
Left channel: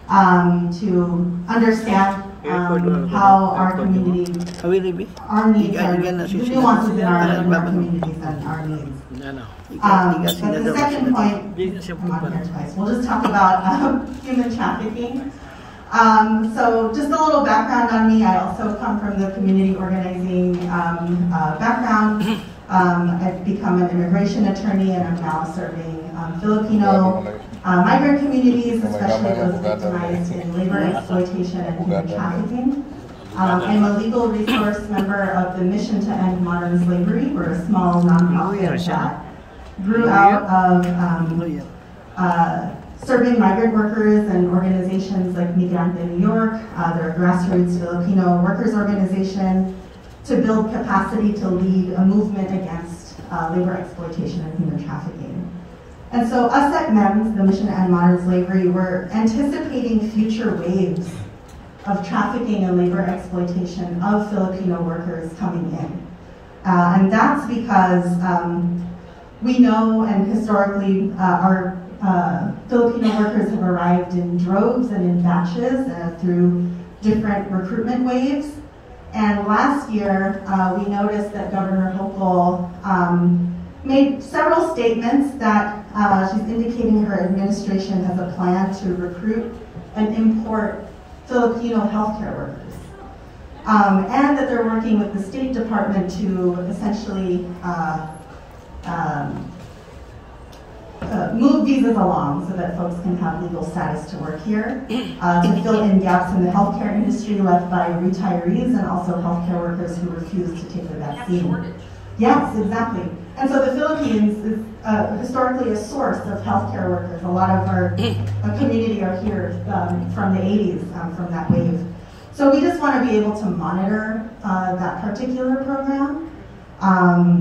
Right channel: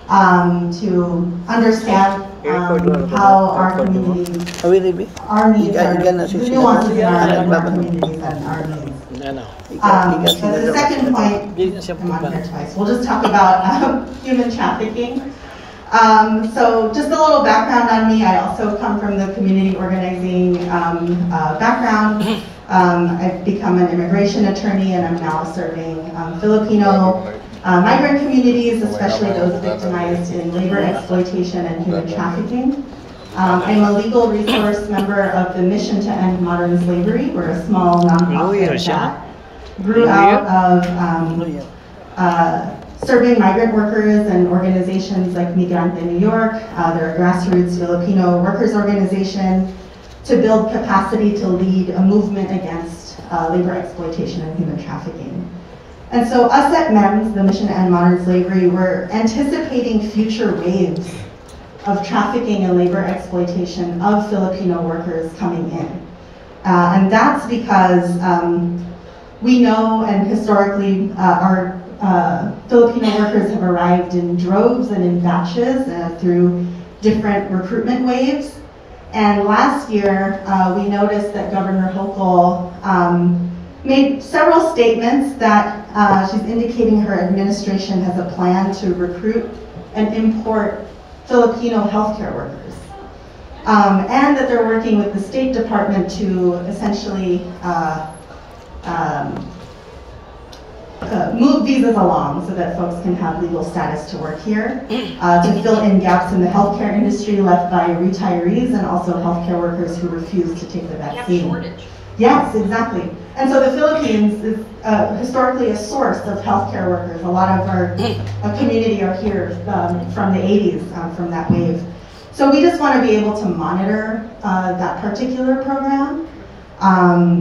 to understand how our community, our needs are, the nuances in our communities and our needs. But the second point, I'm on here twice, we'll just talk about human trafficking. So just a little background on me. I also come from the community organizing background. I've become an immigration attorney, and I'm now serving Filipino migrant communities, especially those victimized in labor exploitation and human trafficking. I'm a legal resource member of the Mission to End Modern Slavery. We're a small nonprofit that grew out of serving migrant workers and organizations like Migrante New York. They're a grassroots Filipino workers organization to build capacity to lead a movement against labor exploitation and human trafficking. And so us at MEMS, the Mission to End Modern Slavery, we're anticipating future waves of trafficking and labor exploitation of Filipino workers coming in. And that's because we know, and historically our Filipino workers have arrived in droves and in batches through different recruitment waves. And last year, we noticed that Governor Hochul made several statements that she's indicating her administration has a plan to recruit and import Filipino healthcare workers. And that they're working with the State Department to essentially move visas along so that folks can have legal status to work here, to fill in gaps in the healthcare industry left by retirees and also healthcare workers who refuse to take the vaccine. Yes, exactly. And so the Philippines is historically a source of healthcare workers. A lot of our community are here from the 80s, from that wave. So we just want to be able to monitor that particular program,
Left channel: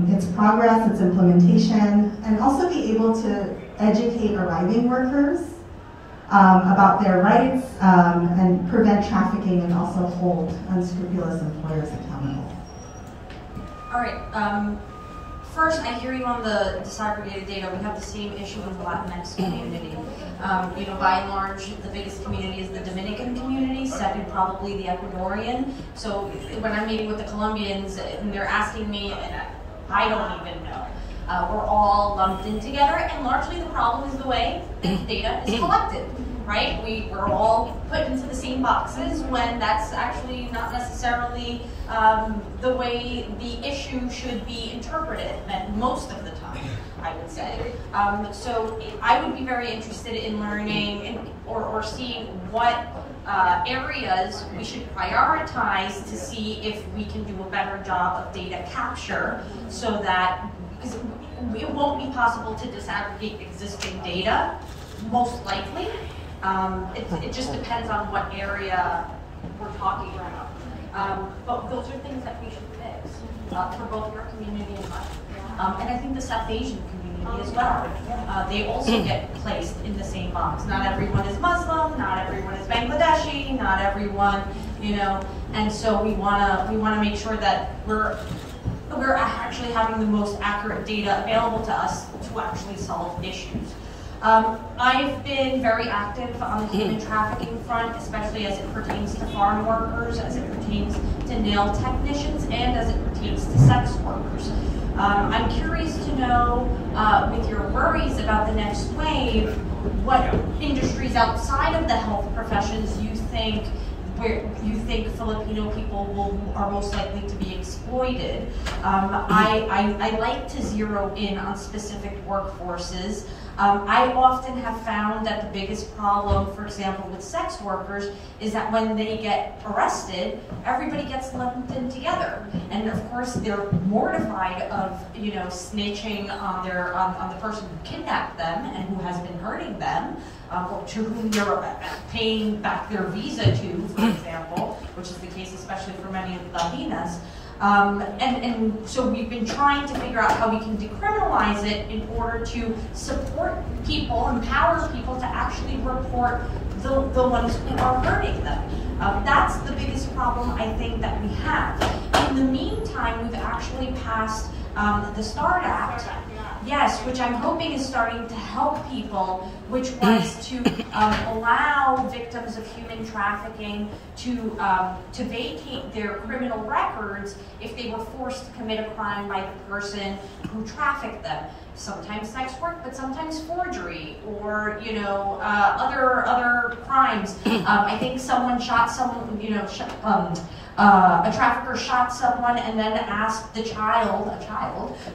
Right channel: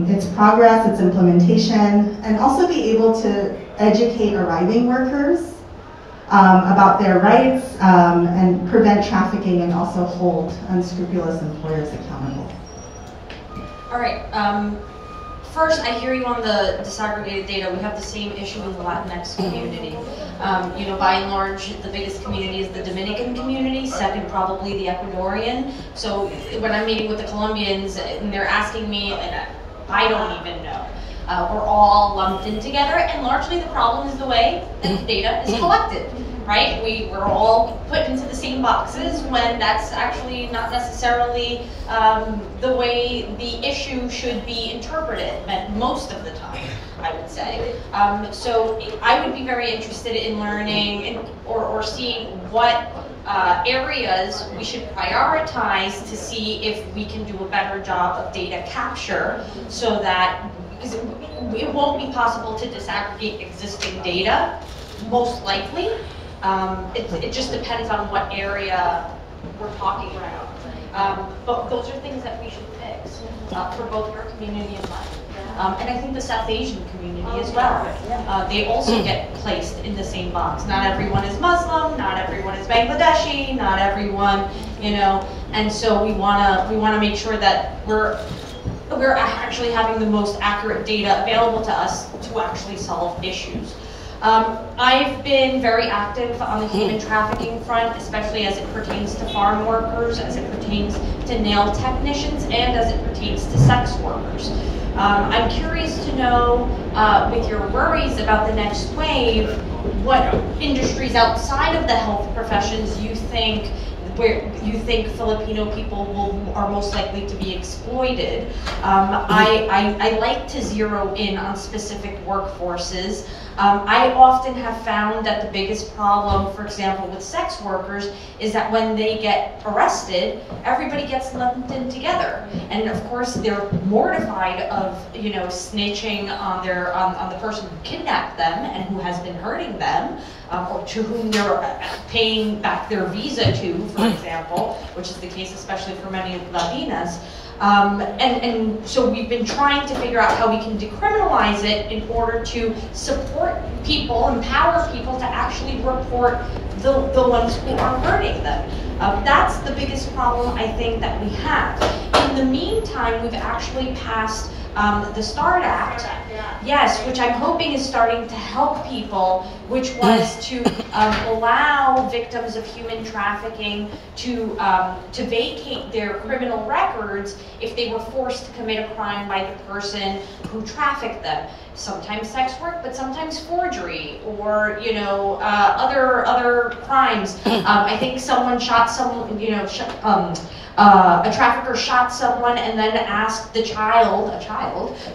its progress, its implementation, and also be able to educate arriving workers about their rights and prevent trafficking and also hold unscrupulous employers accountable. All right. First, I hear you on the disaggregated data. We have the same issue in the Latinx community. You know, by and large, the biggest community is the Dominican community, second probably the Ecuadorian. So when I'm meeting with the Colombians and they're asking me, and I don't even know, we're all lumped in together, and largely the problem is the way that the data is collected, right? We're all put into the same boxes when that's actually not necessarily the way the issue should be interpreted, most of the time, I would say. So I would be very interested in learning or seeing what areas we should prioritize to see if we can do a better job of data capture so that because it won't be possible to disaggregate existing data, most likely. It just depends on what area we're talking about. But those are things that we should fix for both our community and mine. And I think the South Asian community as well. They also get placed in the same box. Not everyone is Muslim, not everyone is Bangladeshi, not everyone, you know, and so we wanna make sure that we're actually having the most accurate data available to us to actually solve issues. I've been very active on the human trafficking front, especially as it pertains to farm workers, as it pertains to nail technicians, and as it pertains to sex workers. I'm curious to know, with your worries about the next wave, what industries outside of the health professions you think Filipino people are most likely to be exploited. I like to zero in on specific workforces. I often have found that the biggest problem, for example, with sex workers is that when they get arrested, everybody gets lumped in together. And of course, they're mortified of, you know, snitching on the person who kidnapped them and who has been hurting them, or to whom they're paying back their visa to, for example, which is the case especially for many Latinas. And so we've been trying to figure out how we can decriminalize it in order to support people, empower people to actually report the ones who are hurting them. That's the biggest problem I think that we have. In the meantime, we've actually passed the START Act, yes, which I'm hoping is starting to help people, which was to allow victims of human trafficking to vacate their criminal records if they were forced to commit a crime by the person who trafficked them. Sometimes sex work, but sometimes forgery or, you know, other crimes. I think someone shot someone, you know, a trafficker shot someone and then asked a child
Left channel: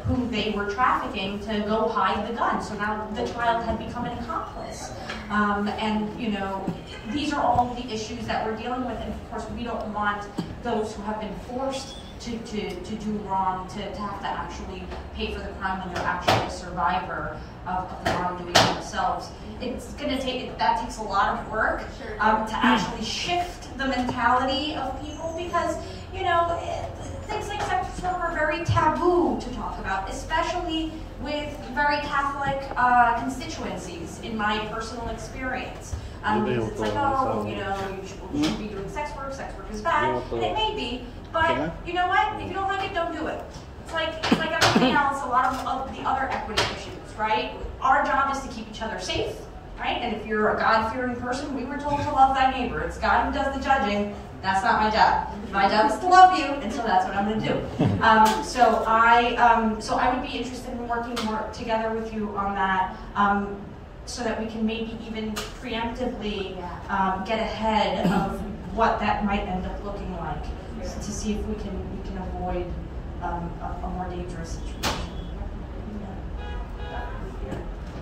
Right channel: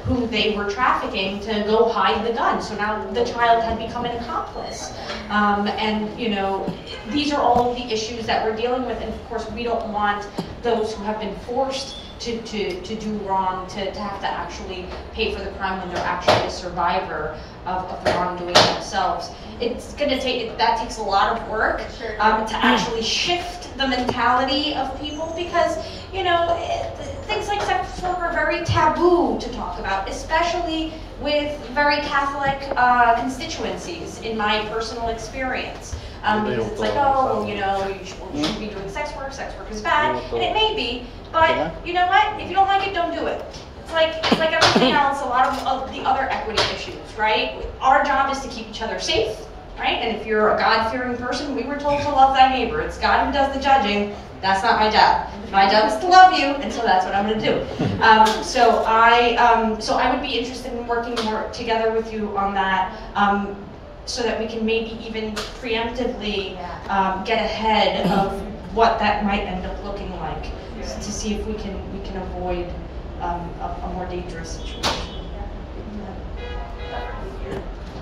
who they were trafficking to go hide the gun. So now the child had become an accomplice. And, you know, these are all of the issues that we're dealing with. And of course, we don't want those who have been forced to do wrong to have to actually pay for the crime when they're actually a survivor of the wrongdoing themselves. It's going to take, that takes a lot of work to actually shift the mentality of people because, you know, things like sex work are very taboo to talk about, especially with very Catholic constituencies, in my personal experience. Because it's like, oh, you know, you shouldn't be doing sex work is bad, and it may be, but you know what? If you don't like it, don't do it. It's like everything else, a lot of the other equity issues, right? Our job is to keep each other safe, right? And if you're a God-fearing person, we were told to love thy neighbor. It's God who does the judging. That's not my job. My job is to love you, and so that's what I'm going to do. So I would be interested in working more together with you on that, so that we can maybe even preemptively get ahead of what that might end up looking like, to see if we can avoid a more dangerous situation.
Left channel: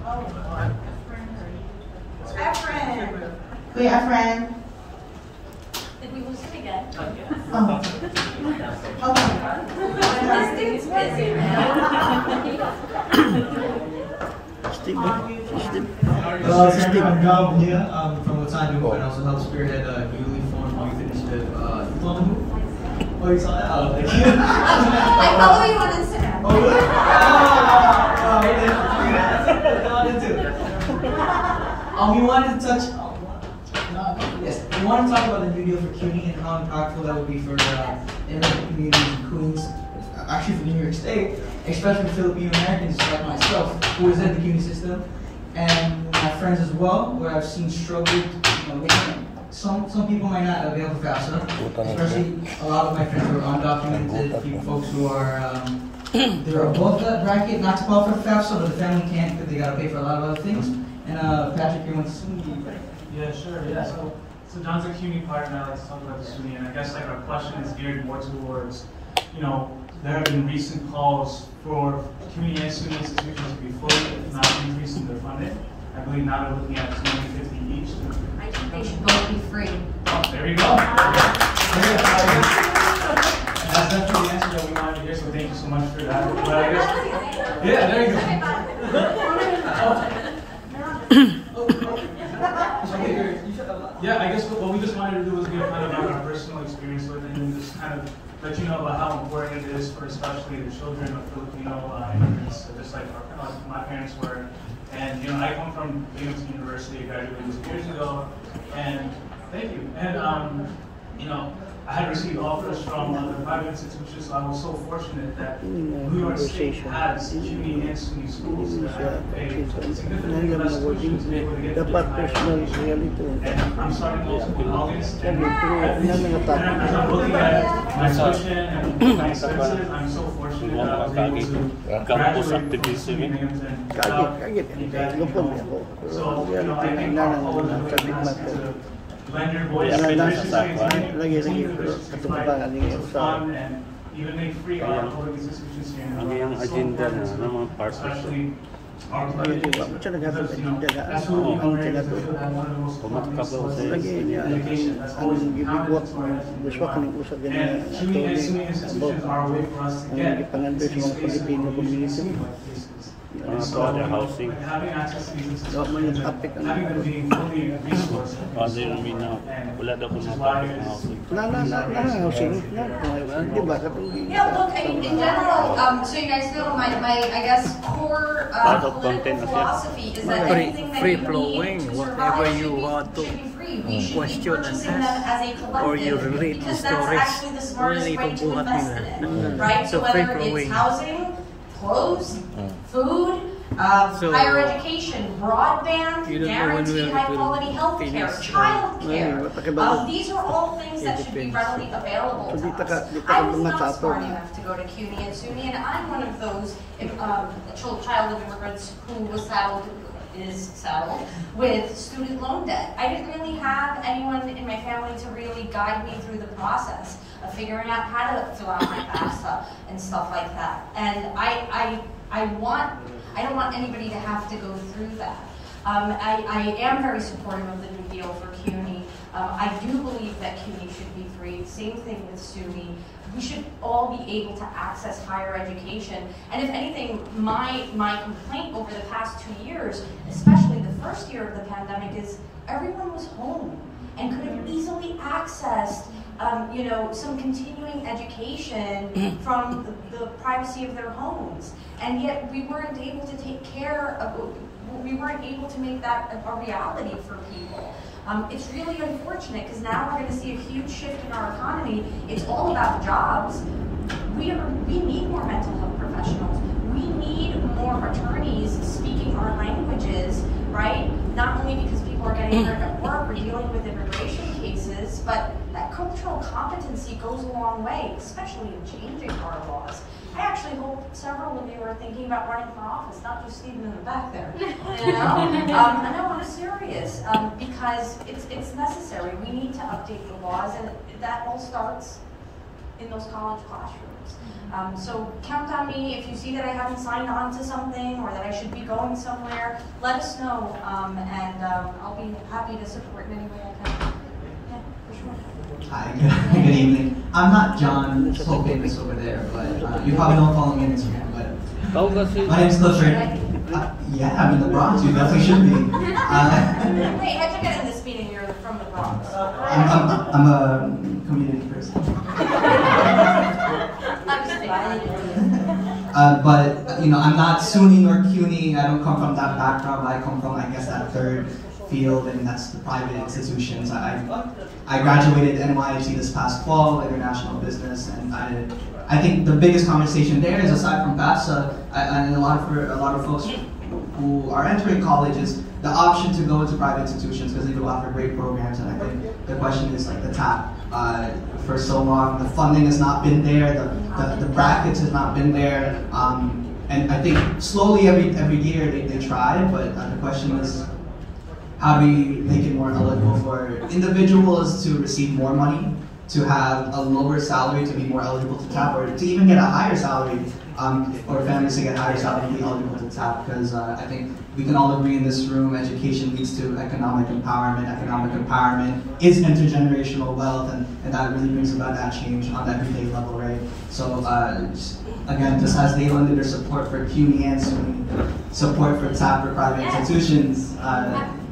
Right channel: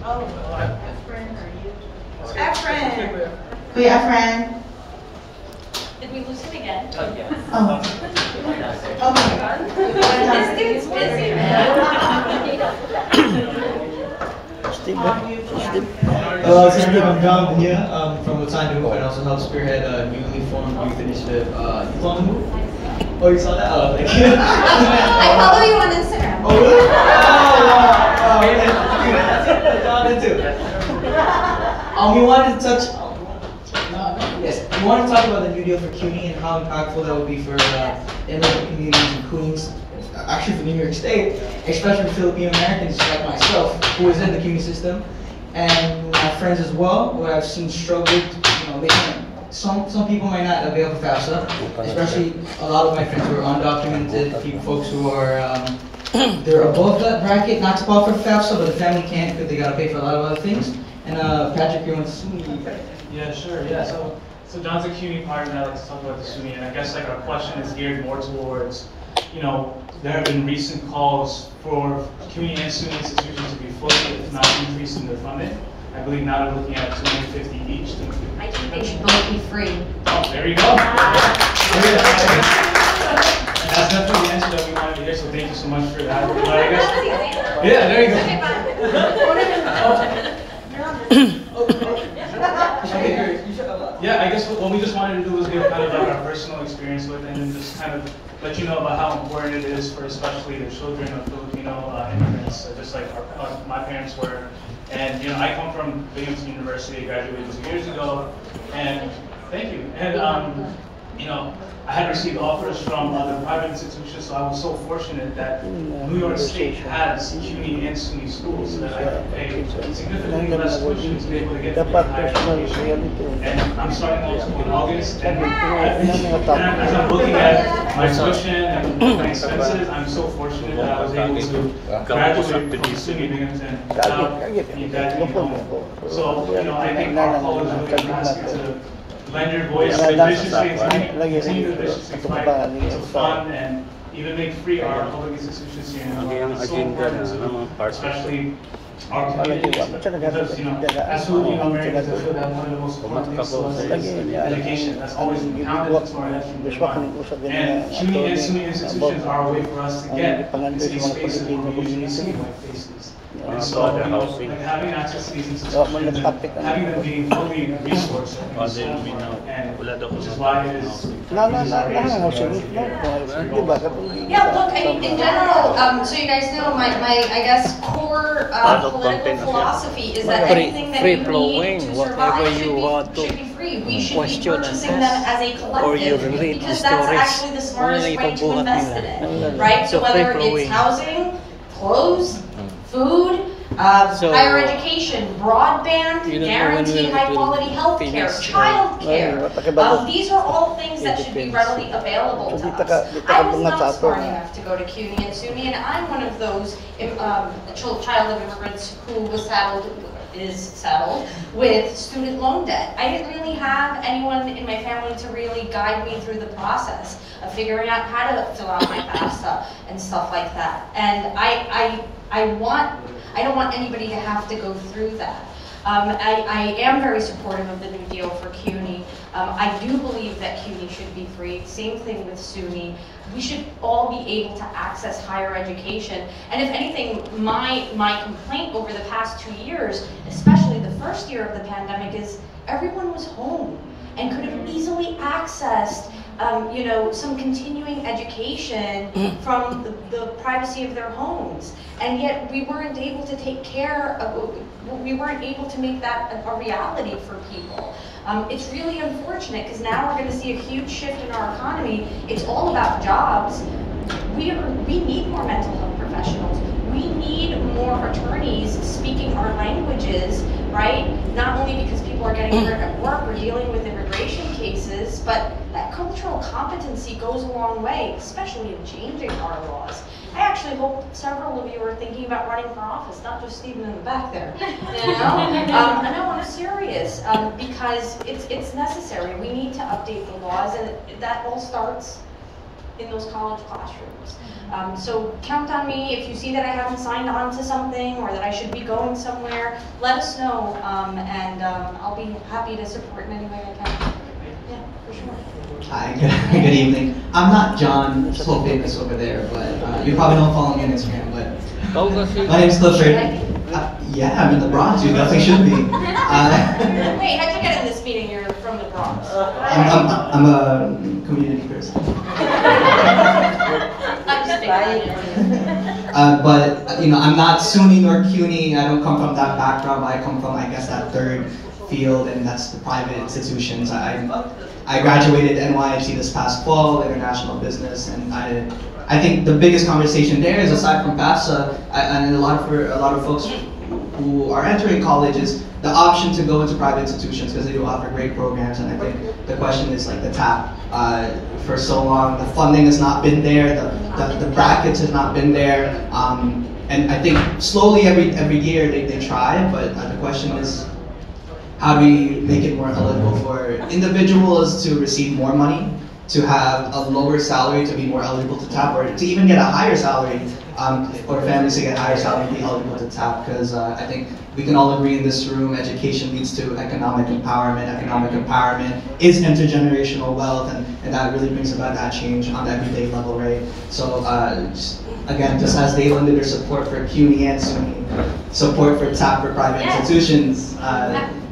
Oh, Efren. Wait, Efren. Did we lose him again? Oh. This dude's busy, This is Steve. I'm John here from Untitled Chapter, and also help spearhead a newly formed youth initiative, Youth on the Move. Oh, you saw that? Oh, thank you. I follow you on Instagram. Oh, really? John did too. We wanted to touch. Yes, we want to talk about the new deal for CUNY and how impactful that will be for immigrant communities in Queens, actually for New York State, especially for Filipino Americans like myself, who is in the CUNY system, and my friends as well, who I've seen struggle. You know, some people might not avail for FAFSA, especially a lot of my friends who are undocumented, people, folks who are they're above that bracket, not to qualify for FAFSA, but the family can't because they gotta pay for a lot of other things. And Patrick, you want to SUNY? Yeah, sure. Yeah. So John's a CUNY partner. I like to talk about the SUNY, and I guess like our question is geared more towards, you know, there have been recent calls for CUNY and SUNY institutions to be fully, if not increasing their funding. I believe now they're looking at $250 each. I think they should both be free. Oh, there you go. And that's definitely the answer that we wanted to hear, so thank you so much for that. But I guess, yeah, there you go. Yeah, I guess what we just wanted to do was give kind of like our personal experience with it and just kind of let you know about how important it is for especially the children of Filipino immigrants, just like my parents were. And you know, I come from Binghamton University. I graduated 2 years ago, and thank you. And you know, I had received offers from other private institutions, so I was so fortunate that New York State has CUNY and SUNY schools so that I could pay significantly less tuition to be able to get to higher education. And I'm starting also in August, and as I'm looking at my tuition and my expenses, I'm so fortunate that I was able to graduate from SUNY Binghamton without any debt, any loan. So, you know, I think our college is really asking to lend your voice, viciously continue to viciously fight to fund and even make free our public institutions here in New York. It's so important to, especially our communities, because, you know, as Filipino Americans, I feel that one of the most important things to us is education. That's always been pounded into our heads. And CUNY and SUNY institutions are a way for us to get these spaces where we usually see white faces. And so, you know, like having access to these institutions and having them being fully resourced is so important, and which is why it is. Yeah, look, I mean, in general, so you guys know my I guess, core political philosophy is that anything that you need to survive should be free. We should be purchasing them as a collective because that's actually the smartest way to invest in it, right? So whether it's housing, clothes, food, higher education, broadband, guaranteed high-quality health care, child care. These are all things that should be readily available to us. I was not smart enough to go to CUNY and SUNY, and I'm one of those child of immigrants who was saddled with student loan debt. I didn't really have anyone in my family to really guide me through the process of figuring out how to fill out my FAFSA and stuff like that. And I don't want anybody to have to go through that. I am very supportive of the New Deal for CUNY. I do believe that CUNY should be free. Same thing with SUNY. We should all be able to access higher education. And if anything, my complaint over the past 2 years, especially the first year of the pandemic, is everyone was home and could have easily accessed you know, some continuing education from the privacy of their homes. And yet we weren't able to take care of, we weren't able to make that a reality for people. It's really unfortunate because now we're going to see a huge shift in our economy. It's all about jobs. We need more mental health professionals. We need more attorneys speaking our languages, right? Not only because people are getting hurt at work or dealing with immigration cases, but that cultural competency goes a long way, especially in changing our laws. I actually hope several of you are thinking about running for office, not just Stephen in the back there. You know? No, I'm serious, because it's necessary. We need to update the laws, and that all starts in those college classrooms. So count on me if you see that I haven't signed on to something or that I should be going somewhere. Let us know, and I'll be happy to support in any way I can. Yeah, for sure. Hi, good evening. I'm not John, so famous over there, but you probably don't follow me on Instagram, but my name's Clifford. Yeah, I'm in the Bronx, you definitely should be. Wait, how'd you get in this meeting? You're from the Bronx. I'm a community person. But, you know, I'm not SUNY nor CUNY. I don't come from that background. I come from, I guess, that third field, and that's the private institutions. I graduated NYIT this past fall, international business, and I think the biggest conversation there is, aside from FAFSA, and a lot of folks who are entering college, is the option to go into private institutions because they do offer great programs. And I think the question is like the tap. For so long, the funding has not been there, the brackets has not been there, and I think slowly every year they try, but the question is, how do we make it more eligible for individuals to receive more money to have a lower salary to be more eligible to tap, or to even get a higher salary, or families to get a higher salary and be eligible to tap, because I think we can all agree in this room, education leads to economic empowerment. Economic empowerment is intergenerational wealth, and that really brings about that change on the everyday level, right? So again, just as they lended their support for CUNY and SUNY, support for TAP for private institutions.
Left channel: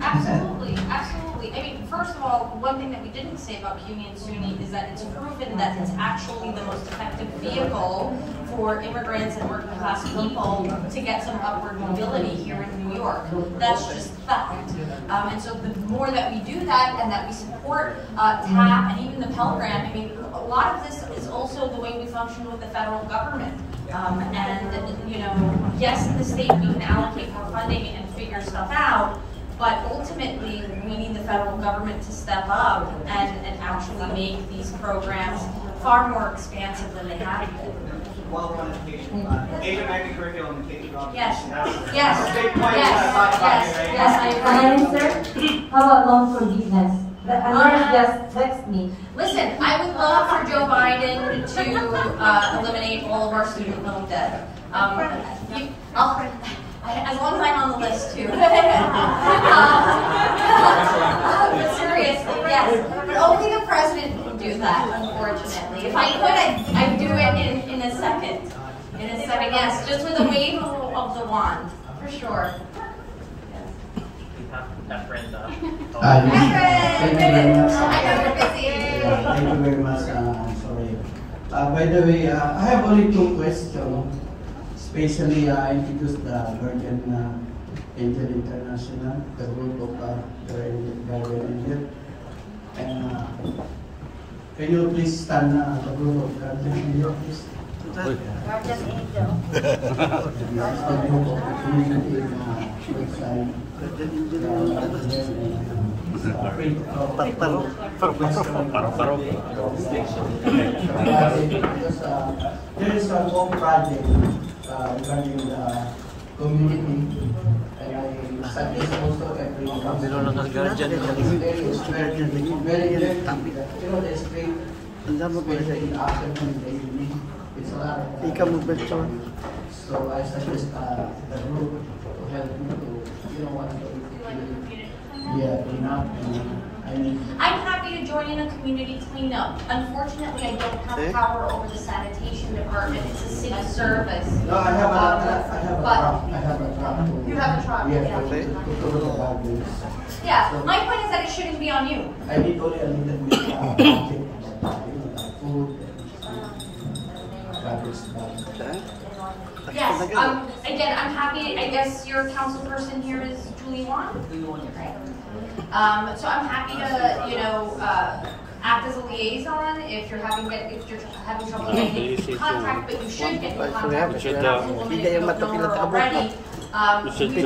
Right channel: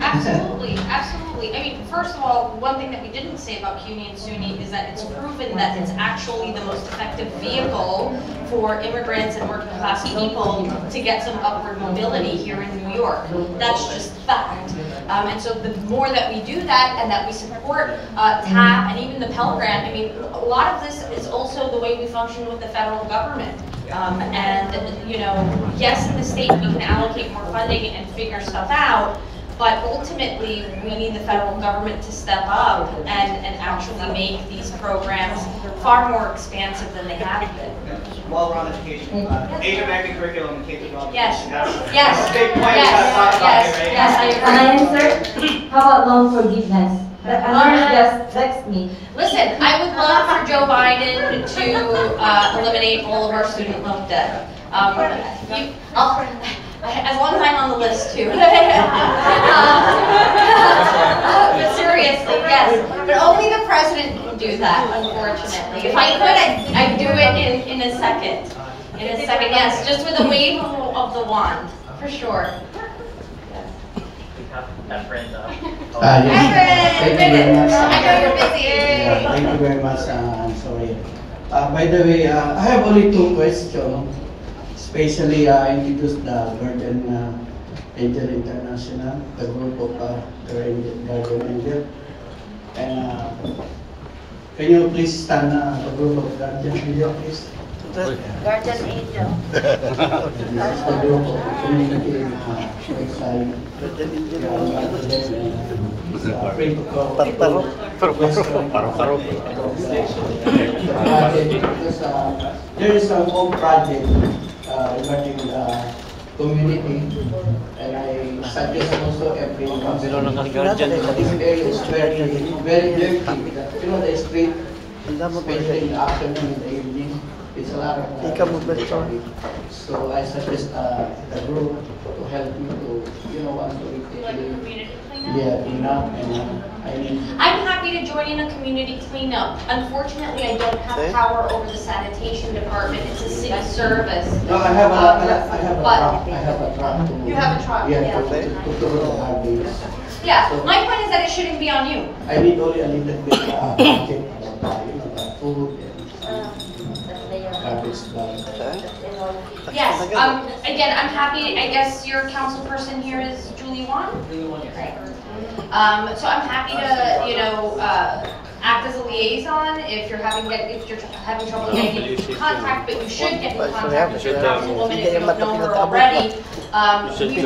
Absolutely, absolutely. I mean, first of all, one thing that we didn't say about CUNY and SUNY is that it's proven that it's actually the most effective vehicle for immigrants and working class people to get some upward mobility here in New York. That's just fact. And so the more that we do that and that we support TAP and even the Pell Grant, I mean, a lot of this is also the way we function with the federal government. And, you know, yes, in the state we can allocate more funding and figure stuff out, but ultimately we need the federal government to step up and actually make these programs far more expansive than they have been. While we're on education, Asian American curriculum, K-12. Yes, yes, I agree. Can I answer? How about loan forgiveness? Just text me. Listen, I would love for Joe Biden to eliminate all of our student loan debt. As long as I'm on the list too. But seriously, yes. But only the president can do that, unfortunately. If I could, I'd do it in a second. In a second, yes. Just with a wave of the wand, for sure. Yes. Thank Thank you very much. I know you're busy. Yeah, thank you very much. I'm sorry. By the way, I have only 2 questions. Especially, introduced the Guardian Angel International, the group of Guardian Angel. And can you please stand the group of Guardian Angel, please? Guardian Angel. This is the group of community website. Free to go. There is a whole project regarding the community, and I suggest also everyone. It's very effective. You know, the street, especially in the afternoon and the evening, it's a lot of so I suggest the group to help me to, you know, want to Like a community cleanup? yeah, cleanup, and I'm happy to join in a community cleanup. Unfortunately, I don't have power over the sanitation department. It's a city service. No, I have a truck. You have a truck? Yeah, to the garbage. Yeah, my point is that it shouldn't be on you. I need only a little bit budget, you know, food and garbage bag. Yes, again, I'm happy. I guess your council person here is Julie Wan? Right. So I'm happy to, you know, act as a liaison if you're having trouble getting in contact, but you should get in contact with your councilwoman if you don't know her already. We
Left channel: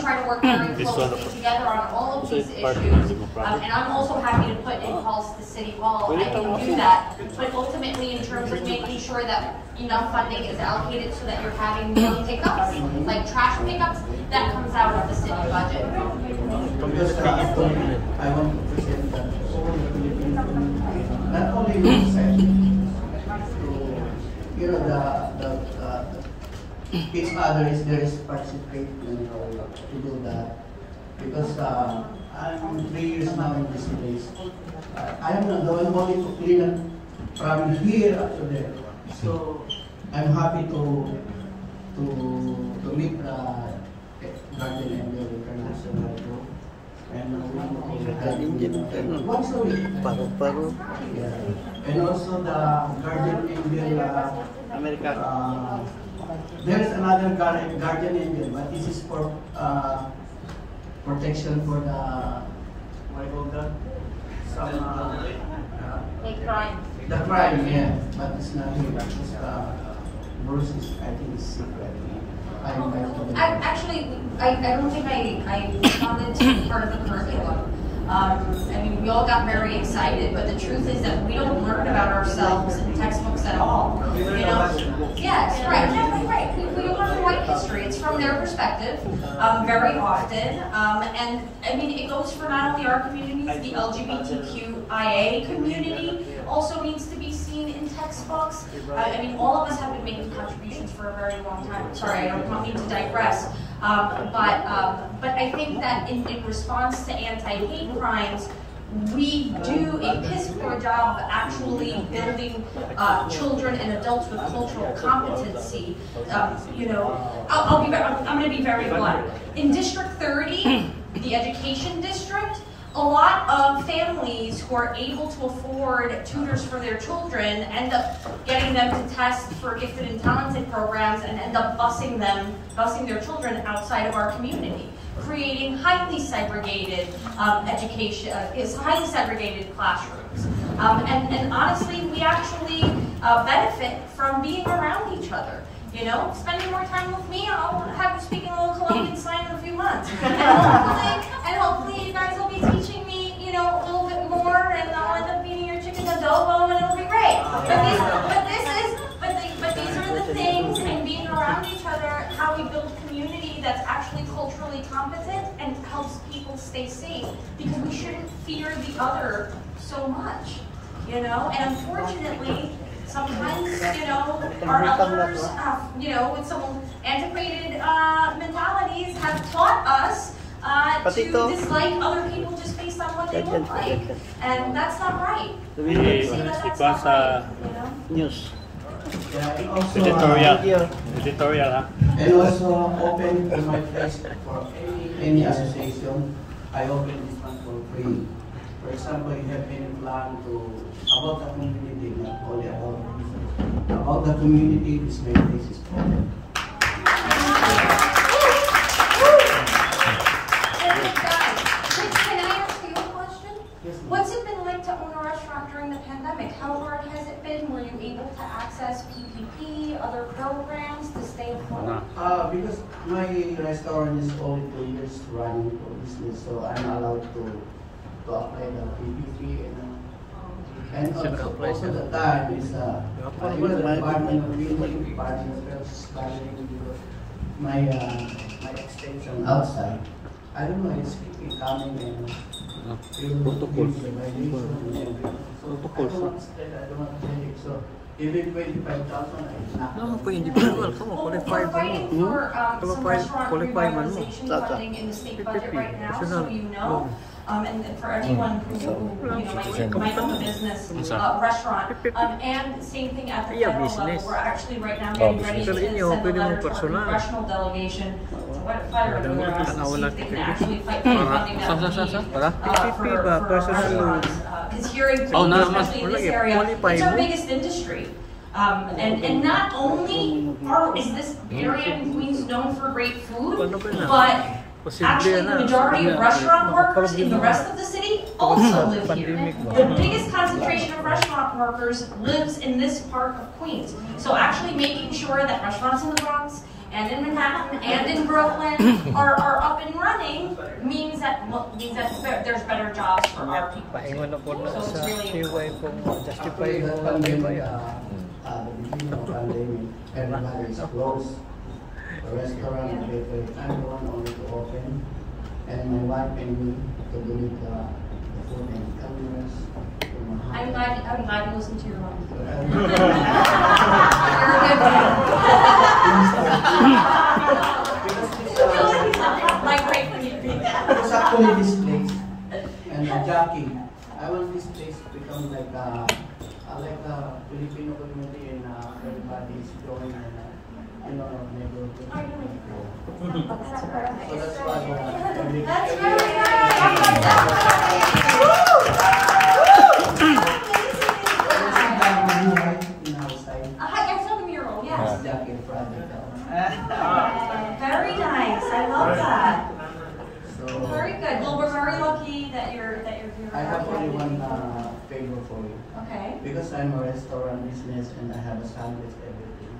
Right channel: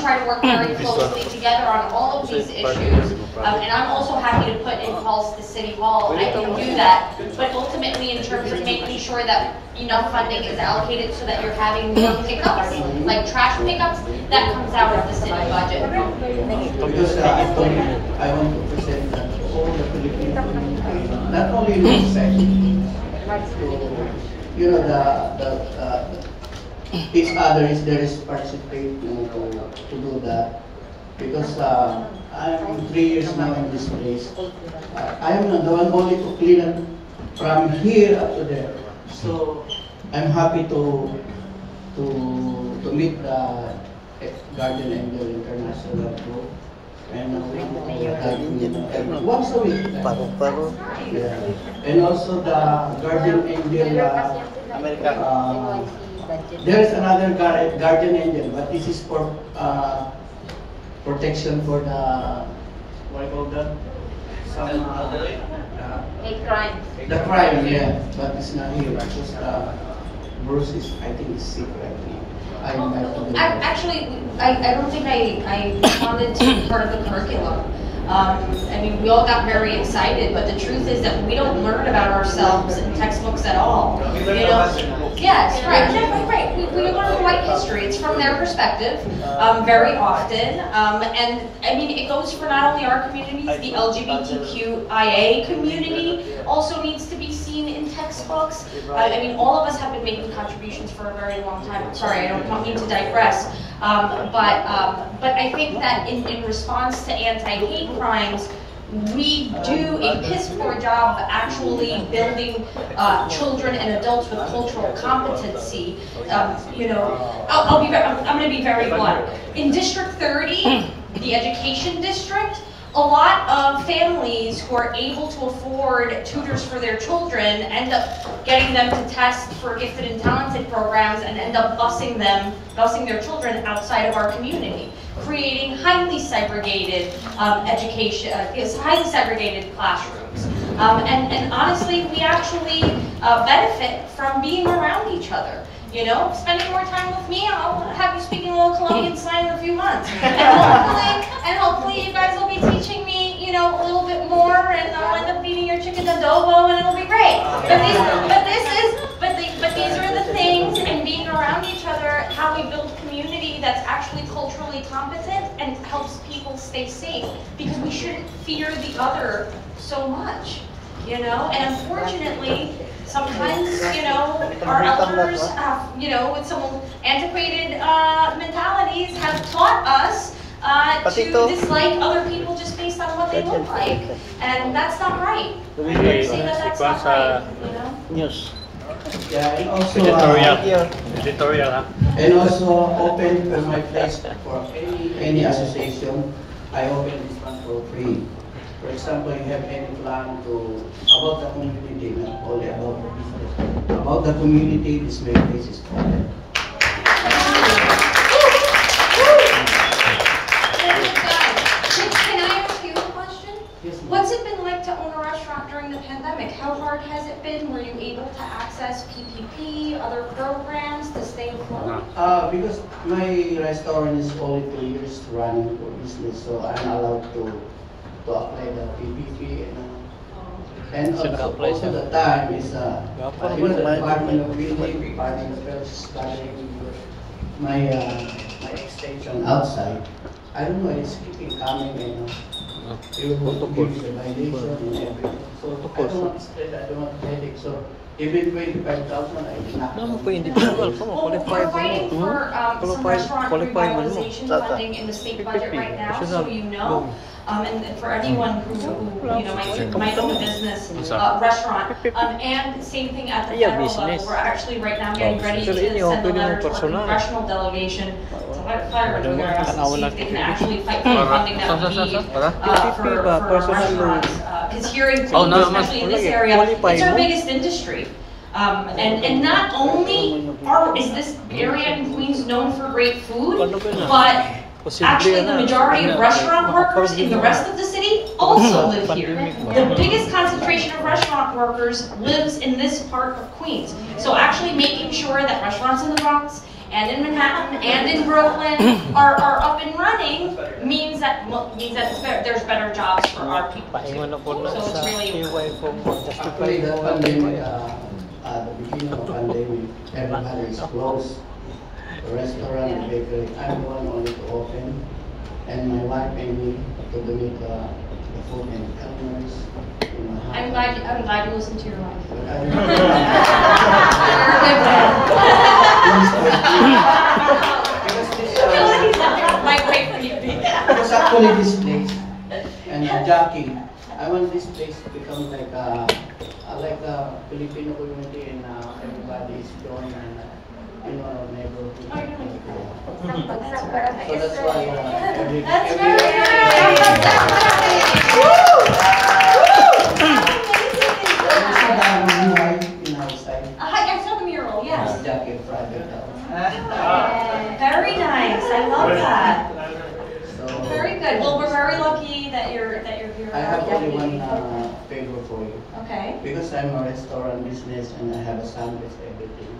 try to work very closely together on all of these issues, and I'm also happy to put in calls to City Hall. I can do that, but ultimately in terms of making sure that enough funding is allocated so that you're having more pickups, like trash pickups, that comes out of the city budget. Because I want to present that all the Philippine community, not only in one side, you know, each other is there is participate, you know, to do that. Because I'm 3 years now in this place. I am the one only to clean up from here up to there. So I'm happy to meet the Guardian Angel International Group, and we once a week. Yeah. And also the Guardian Angel there is another Guardian Angel, but this is for protection for the what I call that? Crime. The crime, yeah, but it's not here because Bruce is, I think, is sick right now. Actually, I don't think I responded to part of the curriculum. I mean, we all got very excited, but the truth is that we don't learn about ourselves in textbooks at all. You know? Yes, right. We don't learn the white history. frustrates from their perspective very often. And I mean, it goes for not only our communities, the LGBTQIA community also needs to be seen in textbooks. I mean, all of us have been making contributions for a very long time. I'm sorry, I don't want me to digress. But I think that in response to anti-hate crimes, we do a piss poor job of actually building children and adults with cultural competency. You know, I'm going to be very blunt. In District 30, the education district, a lot of families who are able to afford tutors for their children end up getting them to test for gifted and talented programs and end up busing their children outside of our community, creating highly segregated highly segregated classrooms. And honestly, we actually benefit from being around each other. You know, spending more time with me, I'll have you speaking a little Colombian slang in a few months. And hopefully you guys will be teaching me, you know, a little bit more, and I'll end up eating your chicken adobo, and it'll be great. But these are the things, and being around each other, how we build community that's actually culturally competent and helps people stay safe. Because we shouldn't fear the other so much, you know? And unfortunately, sometimes, you know, our elders, you know, with some antiquated mentalities, have taught us to dislike other people just based on what they look like, and that's not right. I'm saying that that's not right, you know? Yes. Yeah, and also editorial, and also open to my place for any association. I open this one for free. For example, you have any plan to about the community, not only about the business. About the community, this my place is open. Can I ask you a question? Yes, what's it been like to own a restaurant during the pandemic? How hard has it been? Were you able to access PPP, other programs to stay afloat? Because my restaurant is only 2 years running for business, so I'm allowed to apply the PPP and also the time is even the Department of Building, Department of Health is planning my extension outside. I don't know, it's keeping coming and it will give the violation and everything. So I don't want stress, I don't want headache. So even 25,000, I did not. Well, we're fighting for some restaurant revitalization funding in the state budget right now, so you know. And for anyone who you know might own a business, restaurant, and same thing at the federal level. We're actually right now getting ready to send a letter to our congressional delegation to let fire to their asses, see if they can actually fight for funding that we need for restaurants. Because here in Queens, especially in this area, it's our biggest industry. And not only is this area in Queens known for great food, but actually the majority of restaurant workers in the rest of the city also live here. The biggest concentration of restaurant workers lives in this part of Queens. So actually making sure that restaurants in the Bronx and in Manhattan and in Brooklyn are up and running means that there's better jobs for our people too. So it's really important. Actually, the pandemic, the beginning of pandemic, everybody is closed. The restaurant, the bakery, I'm the one only to open, and my wife and me to donate the food and customers in my house. I'm glad you listened to your wife. You're a good man. Might wait for you to be there. Because actually this place and Jackie, I want this place to become like the Filipino community, and everybody is joined and you know, neighborhood. So that's why that's very I saw the mural, yes. Very nice. I love that. So, very good. Well, we're very lucky that you're here. I have only one favor for you. Okay. Because I'm a restaurant business and I have a sandwich, everything.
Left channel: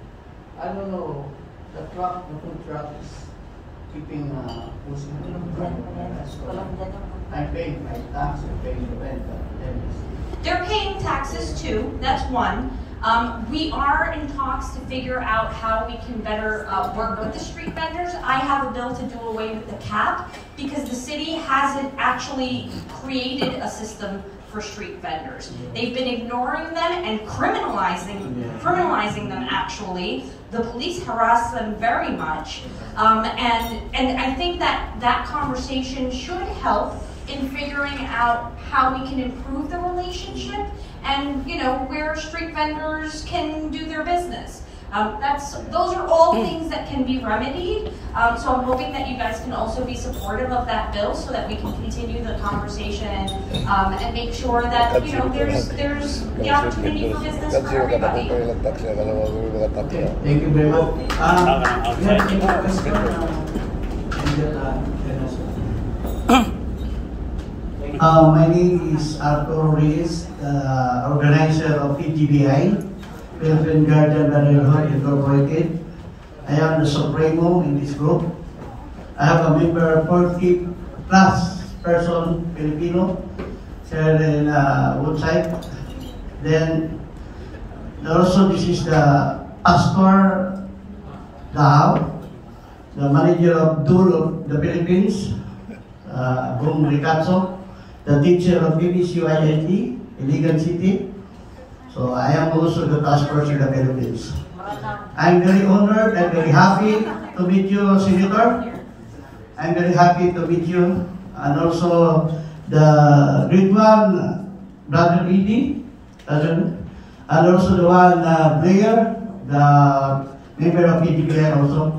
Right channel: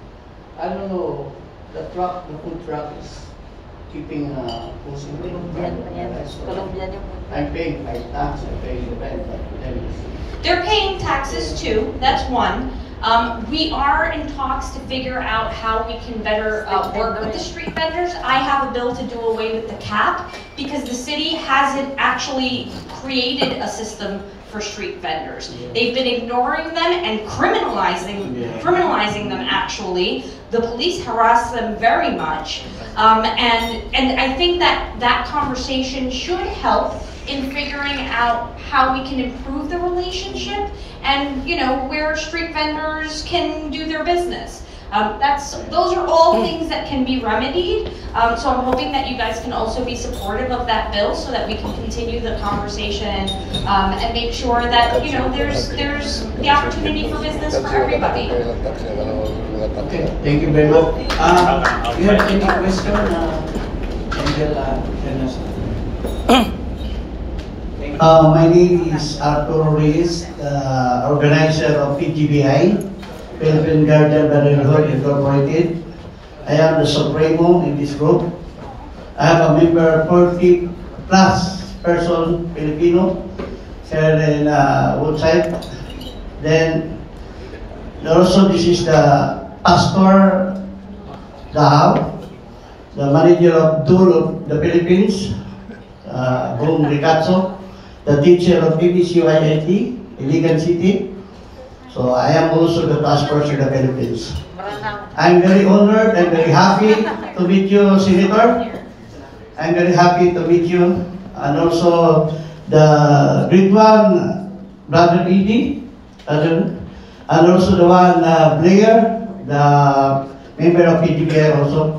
I don't know, the food truck is keeping posting. I'm paying my tax, I'm paying the rent, but then They're paying taxes too, that's one. We are in talks to figure out how we can better work with the street vendors. I have a bill to do away with the cap because the city hasn't actually created a system for street vendors. They've been ignoring them and criminalizing them actually. The police harass them very much. And I think that conversation should help in figuring out how we can improve the relationship and, you know, where street vendors can do their business. Those are all things that can be remedied. So I'm hoping that you guys can also be supportive of that bill so that we can continue the conversation and make sure that, you know, there's the opportunity for business for everybody. okay, thank you very much. You have any question? My name is Arthur Reyes, organizer of PGBI, Philippine Guardian Brotherhood Incorporated. I am the Supremo in this group. I have a member, 40 plus person Filipino here in Woodside. Then also this is the pastor, the manager of DUL of the Philippines, Bong Ricazzo, the teacher of PBCYIT, Iligan City. So I am also the task force in the Philippines. I'm very honored and very happy to meet you, Senator. I'm very happy to meet you, and also the grade 1 brother Edie, and also the one Blair, the member of PGBI also.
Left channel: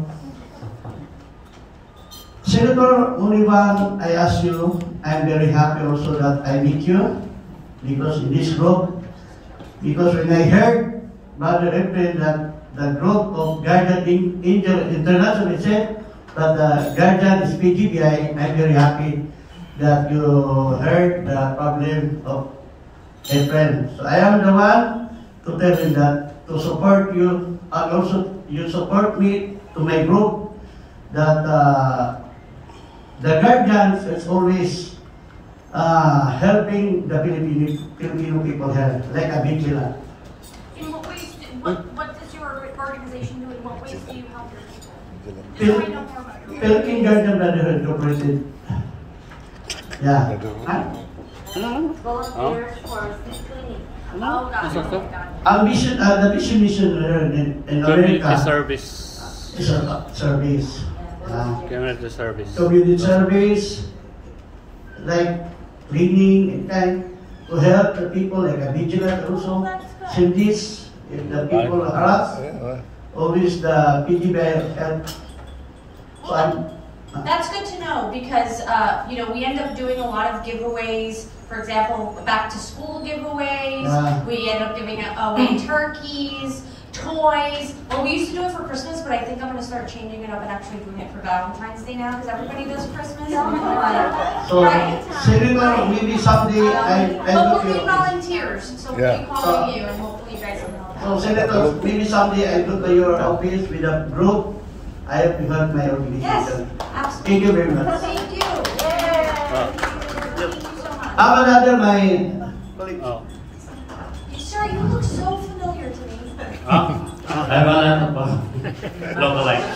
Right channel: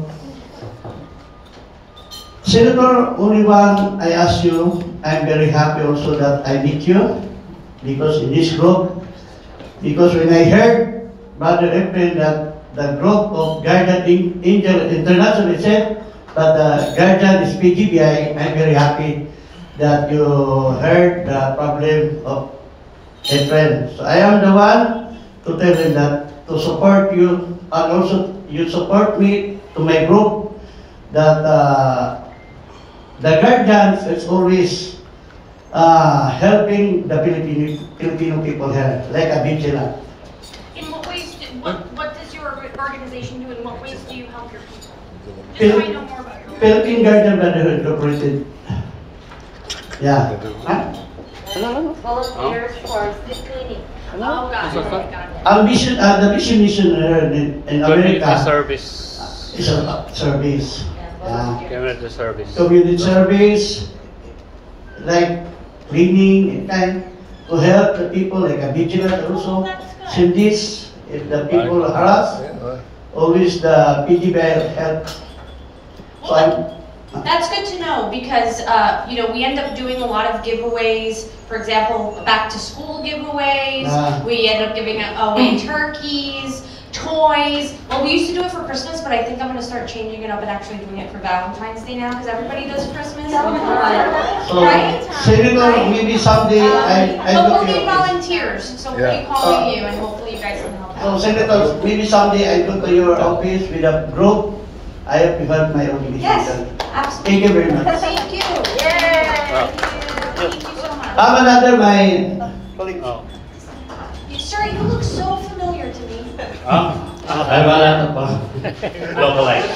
Senator, only one I ask you, I'm very happy also that I meet you, because in this group, because when I heard Brother Efren that the group of Guardian Angel International said, but the Guardian is PGBI, I'm very happy that you heard the problem of Efren. So I am the one to tell him that, to support you, and also you support me to my group, that the Guardians is always helping the Filipino people here, like a vigilant. In what ways, what does your organization do? In what ways do you help your people? Just so I know more about your Philippine Guardian Brotherhood Incorporated. Yeah. Huh? Volunteers for street cleaning. Oh, got it. The mission in America Service. is a service. Community service. Community service, like cleaning and time, to help the people, like a vigilant also. Since this, if the people harass, always the PGBI help. So That's good to know because, you know, we end up doing a lot of giveaways. For example, back to school giveaways. We end up giving away turkeys, toys. Well, we used to do it for Christmas, but I think I'm going to start changing it up and actually doing it for Valentine's Day now because everybody does Christmas. So, right? Senator, maybe someday But we'll need volunteers, so we'll be calling you and hopefully you guys can help out. So, Senator, maybe someday I go to your office with a group. I have to help my organization. Yes, absolutely. Thank you very much. Thank you. Thank you so much. How another my colleague? Sir, you look so familiar to me. Ay, wala na po. Localize.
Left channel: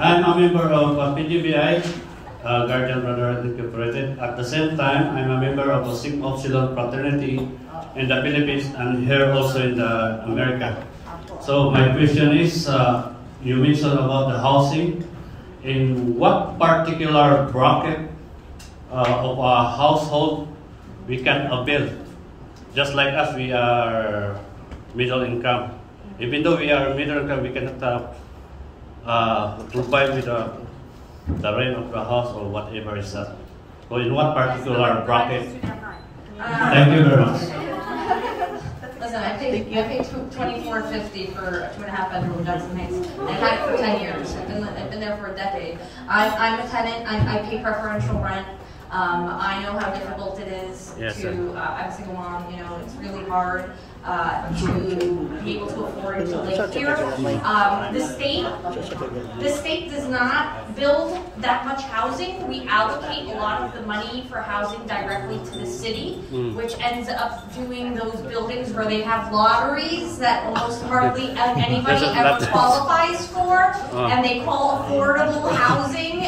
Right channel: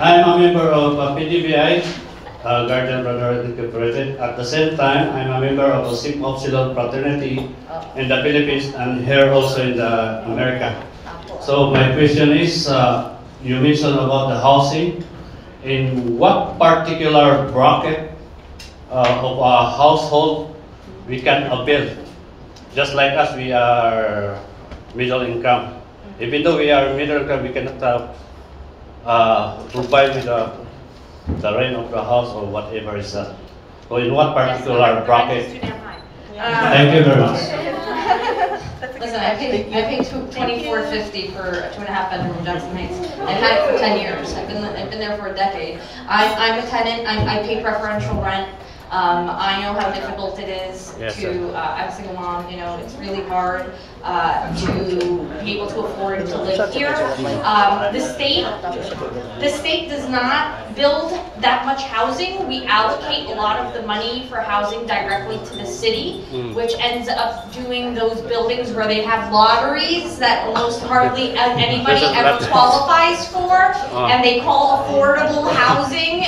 I'm a member of PGBI, Guardian Brotherhood Incorporated. At the same time, I'm a member of the Sigma Upsilon fraternity in the Philippines and here also in the America. So my question is, you mentioned about the housing. In what particular bracket of a household we can build? Just like us, we are middle income. Even though we are middle income, we cannot provide with the rent of the house or whatever is that. So in what particular bracket? Thank you very much. Listen, I paid $24.50 for a 2.5 bedroom in Jackson Heights. I've had it for 10 years. I've been there for a decade. I'm a tenant. I pay preferential rent. I know how difficult it is Yes, I'm a single mom, you know, it's really hard to be able to afford to live here. The state does not build that much housing. We allocate a lot of the money for housing directly to the city, which ends up doing those buildings where they have lotteries that almost hardly anybody ever qualifies for, and they call affordable housing,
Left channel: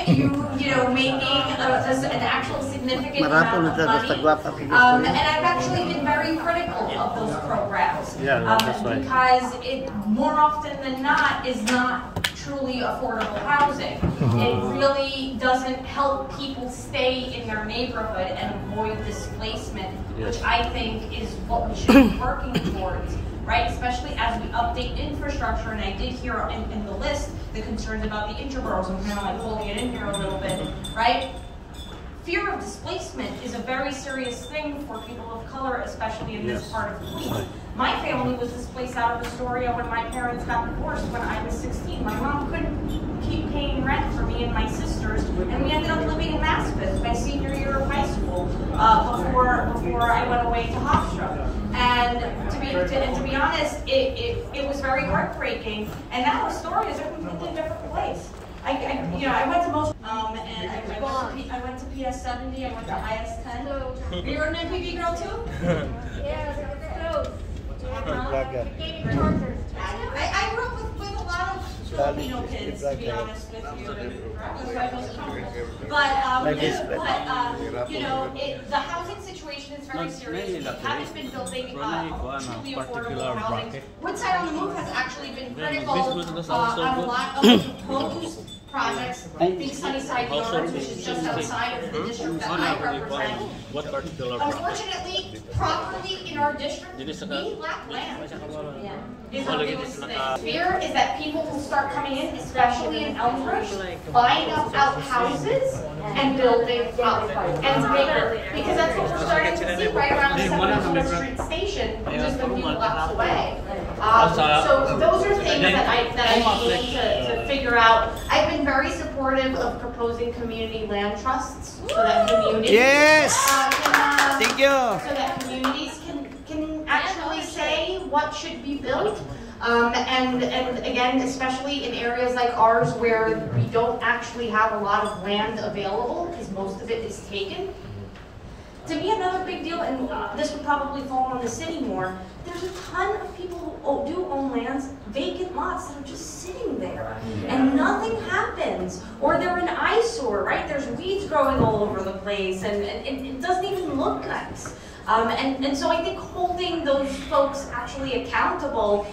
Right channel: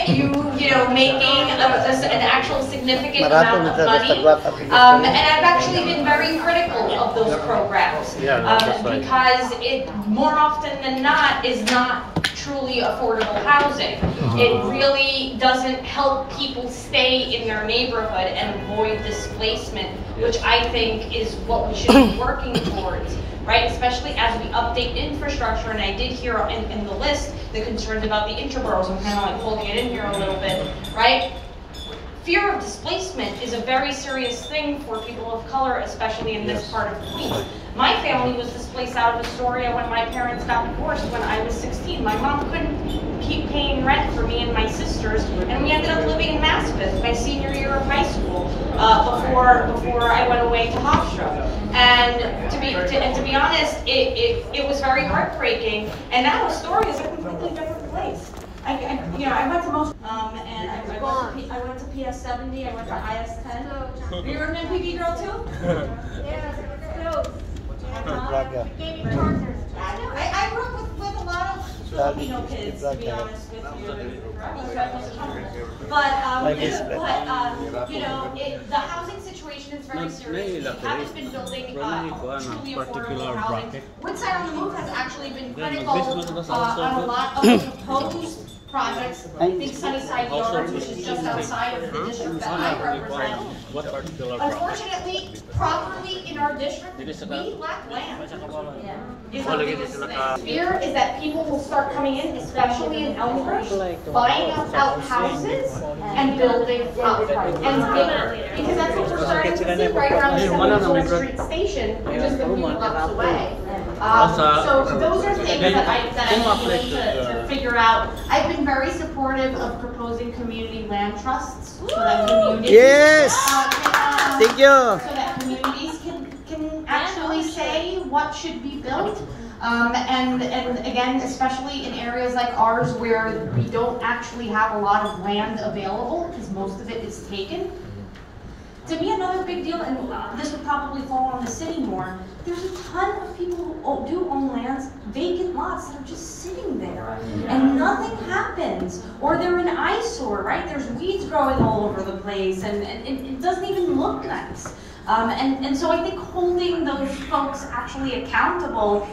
you know, making an actual significant amount of money. And I've actually been very critical of those programs because it more often than not is not truly affordable housing. It really doesn't help people stay in their neighborhood and avoid displacement, which I think is what we should be working towards, right? Especially as we update infrastructure, and I did hear in the list the concerns about the interboroughs. I'm kind of like pulling it in here a little bit, right? Fear of displacement is a very serious thing for people of color, especially in this part of Queens. My family was displaced out of Astoria when my parents got divorced when I was 16. My mom couldn't keep paying rent for me and my sisters, and we ended up living in Maspeth my senior year of high school before I went away to Hofstra. And to be honest, it was very heartbreaking. And now Astoria is a completely different place. I went to most, and I went to PS70, I went to IS10. You're an MPB girl too? Yeah, it's close. I grew up with a lot of Filipino kids, to be honest with you. But you know, the housing situation is very serious. We haven't been building truly affordable housing. Woodside on the Move has actually been critical on a lot of the proposed projects. I think Sunnyside Yards, which is just outside of the district that I represent. What particular project? Unfortunately, property in our district, we lack land. Fear is that people will start coming in, especially in Elmhurst, buying out houses and building up. And because that's what we're starting to see right around the Street Station, just a few blocks away. So those are things that I need to figure out. I've been very supportive of proposing community land trusts so that communities, thank you. So that communities can actually say what should be built. And again, especially in areas like ours where we don't actually have a lot of land available because most of it is taken. To me, another big deal, and this would probably fall on the city more, there's a ton of people who do own lands, vacant lots that are just sitting there, and nothing happens, or they're an eyesore, right? There's weeds growing all over the place, and it doesn't even look nice. And so I think holding those folks actually accountable